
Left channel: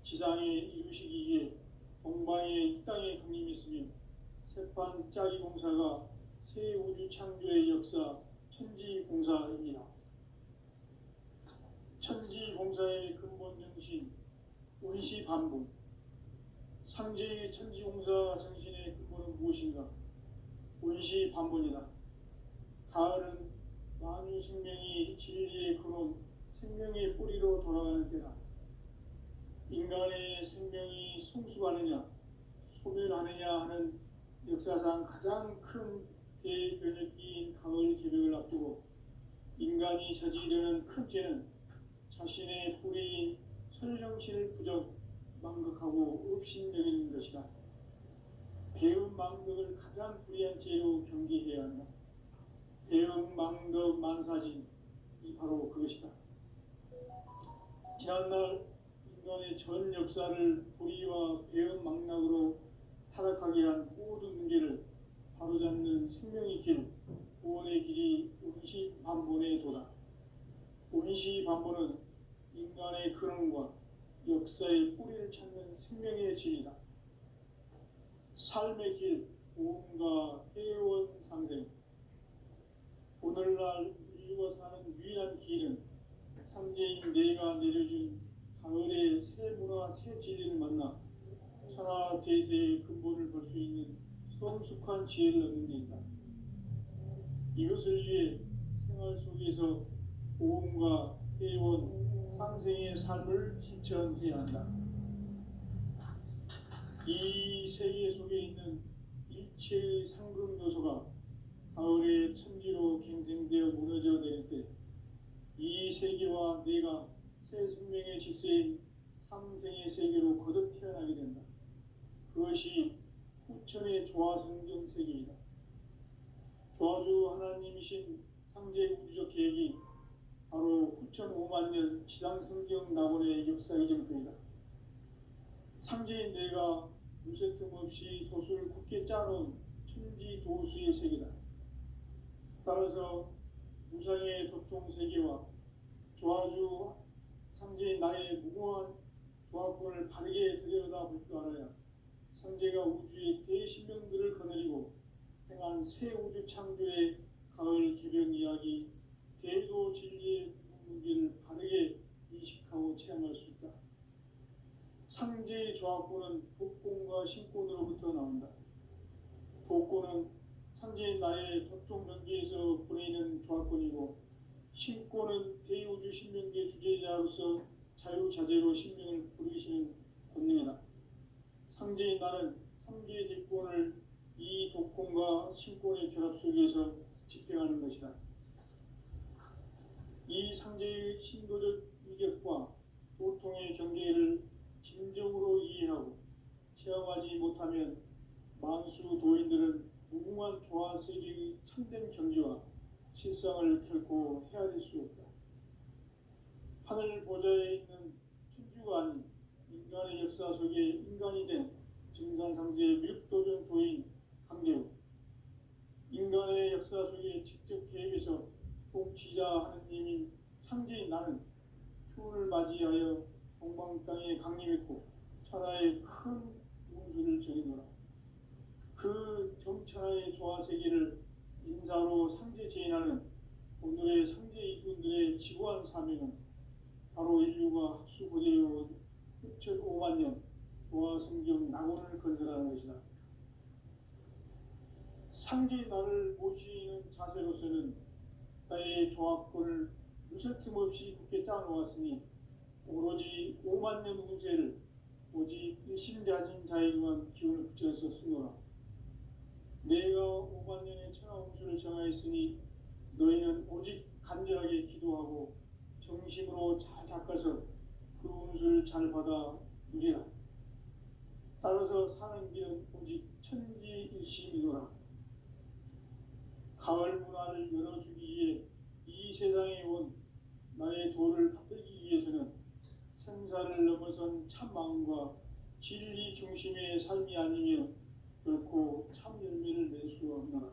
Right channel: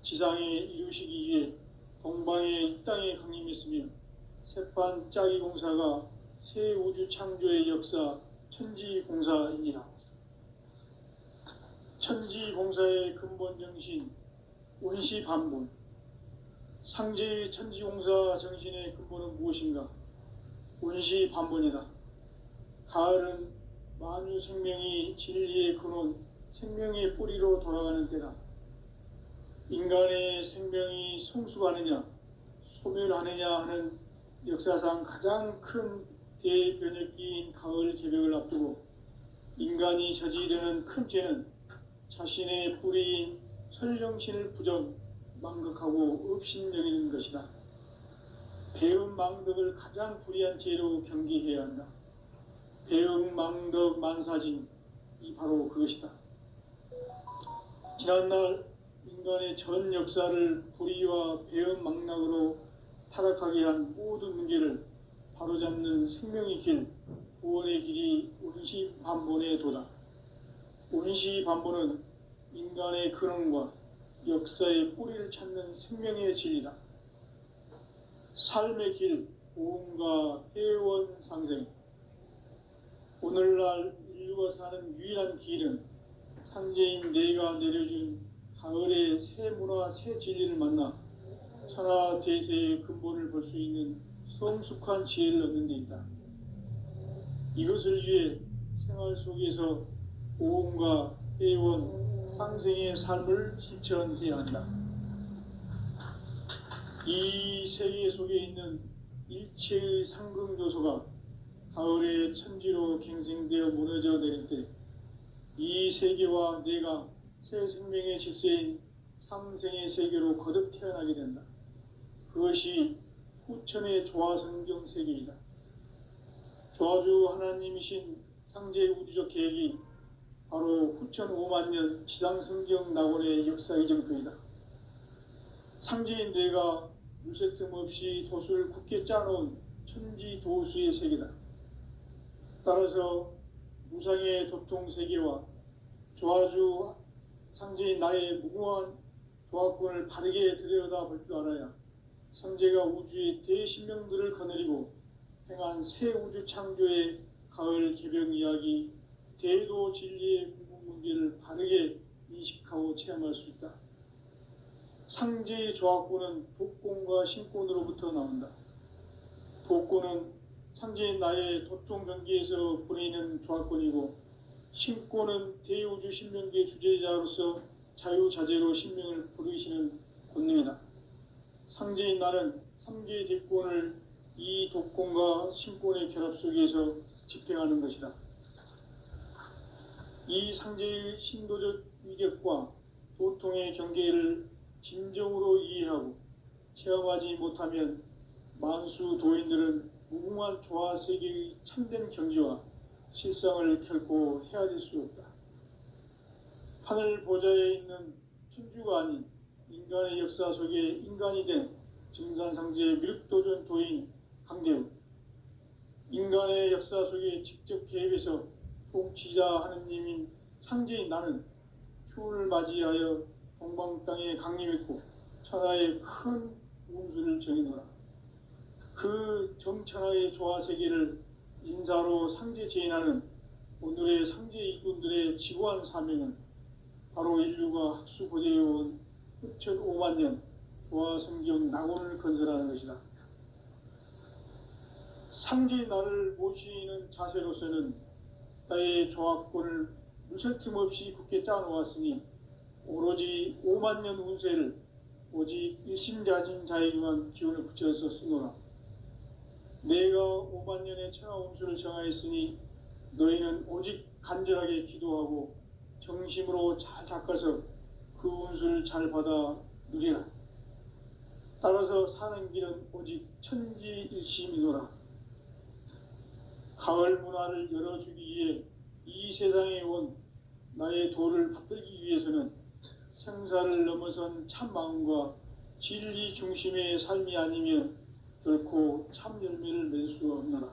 지상에 이루시기 위해 동방의 이 땅에 강림했으며 새판짜기 공사가 새 우주 창조의 역사 천지공사이니라. 천지공사의 근본 정신 운시반분. 상제의 천지공사 정신의 근본은 무엇인가? 운시반분이다. 가을은 만유 생명이 진리의 근원, 생명의 뿌리로 돌아가는 때다. 인간의 생명이 성숙하느냐 소멸하느냐 하는 역사상 가장 큰 대변혁기인 가을 개벽을 앞두고 인간이 저지르는 큰 죄는 자신의 뿌리인 설령신을 부정 망각하고 업신여기는 것이다. 배음 망덕을 가장 불의한 죄로 경계해야 한다. 배음 망덕 만사진이 바로 그것이다. 지난날 인간의 전 역사를 불의와 배음 망락으로 타락하게 한 모든 문제를 바로잡는 생명의 길, 구원의 길이 운시반본의 도다. 운시반본은 인간의 근원과 역사의 뿌리를 찾는 생명의 진리다. 삶의 길, 보험과 회원 상생. 오늘날 인류가 사는 유일한 길은 상제인 내가 내려준 가을의 새 문화, 새 진리를 만나 천하 대세의 근본을 볼 수 있는 성숙한 지혜를 얻는 데 있다. 이것을 위해 생활 속에서 보험과 회원, 상생의 삶을 실천해야 한다. 이 세계 속에 있는 일체의 상극 요소가 가을의 천지로 갱생되어 무너져 내릴 때 이 세계와 내가 새 생명의 질서인 상생의 세계로 거듭 태어나게 된다. 그것이 후천의 조화성경 세계이다. 조화주 하나님이신 상제 우주적 계획이 바로 후천 5만 년 지상성경 낙원의 역사 이정표이다. 상제인 내가 물새 틈 없이 돛을 굳게 짜놓은 천지 도수의 세계다. 따라서 무상의 도통 세계와 조화주 상제인 나의 무궁한 조화권을 바르게 들여다볼 줄 알아야 상제가 우주의 대신명들을 거느리고 행한 새 우주 창조의 가을 개벽 이야기, 대도 진리의 궁극 문제를 바르게 인식하고 체험할 수 있다. 상제의 조화권은 독권과 신권으로부터 나온다. 독권은 상제인 나의 도통 경계에서 보내는 조화권이고, 신권은 대우주 신명계 주제자로서 자유자재로 신명을 부르시는 권능이다. 상제인 나는 3개의 대권을 이 독권과 신권의 결합 속에서 집행하는 것이다. 이 상제의 신도적 위격과 도통의 경계를 진정으로 이해하고 체험하지 못하면 만수 도인들은 무궁한 조화 세계의 참된 경지와 실상을 결코 헤아릴 수 없다. 하늘 보좌에 있는 천주가 아닌 인간의 역사 속에 인간이 된 증산상제 미륵도전 도인 강대우, 인간의 역사 속에 직접 개입해서 통치자 하느님인 상제인 나는 추운을 맞이하여 동방 땅에 강림했고 천하의 큰 운수를 정해놓으라. 그 정천하의 조화 세계를 인사로 상제 제인하는 오늘의 상제 일꾼들의 지구한 사명은 바로 인류가 학수고대해온 후천 5만 년 조화 성경 낙원을 건설하는 것이다. 상제의 나를 모시는 자세로서는 나의 조화권을 무설틈 없이 굳게 짜놓았으니 오로지 5만 년 운세를 오직 일심자진 자에게만 기운을 붙여서 쓰노라. 내가 5만 년의 천하 운수를 정하였으니 너희는 오직 간절하게 기도하고 정심으로 잘 닦아서 그 운수를 잘 받아 누리라. 따라서 사는 길은 오직 천지일심이노라. 가을 문화를 열어주기 위해 이 세상에 온 나의 도를 받들기 위해서는 생사를 넘어선 참 마음과 진리 중심의 삶이 아니면 결코 참 열매를 맺을 수 없노라.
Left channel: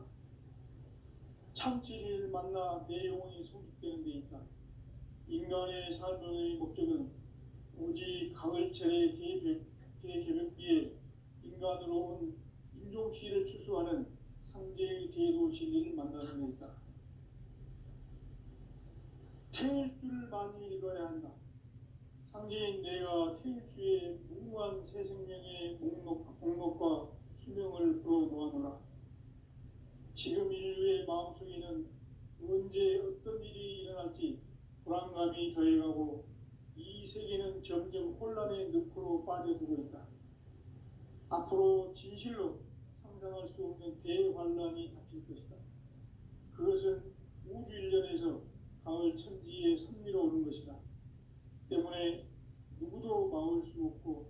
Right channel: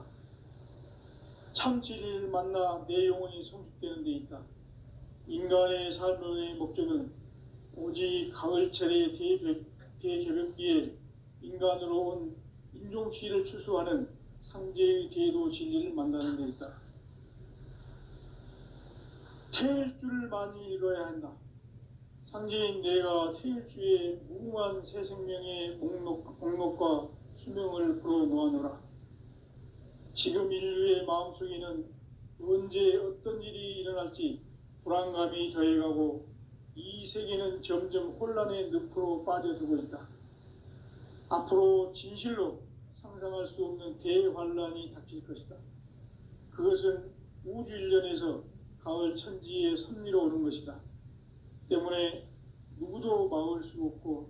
참 진리를 만나 내 영혼이 성숙되는 데 있다. 인간의 삶의 목적은 오직 가을철의 대개벽기에 인간으로 온 인종시를 추수하는 상제의 대도 진리를 만나는 데 있다. 태일주를 많이 읽어야 한다. 상제인 내가 태일주의 무궁한 새 생명의 목록과 수명을 불어 모아놓으라. 지금 인류의 마음속에는 언제 어떤 일이 일어날지 불안감이 더해가고 이 세계는 점점 혼란의 늪으로 빠져들고 있다. 앞으로 진실로 상상할 수 없는 대환란이 닥칠 것이다. 그것은 우주 일련에서 가을 천지의 섭리로 오는 것이다. 때문에 누구도 막을 수 없고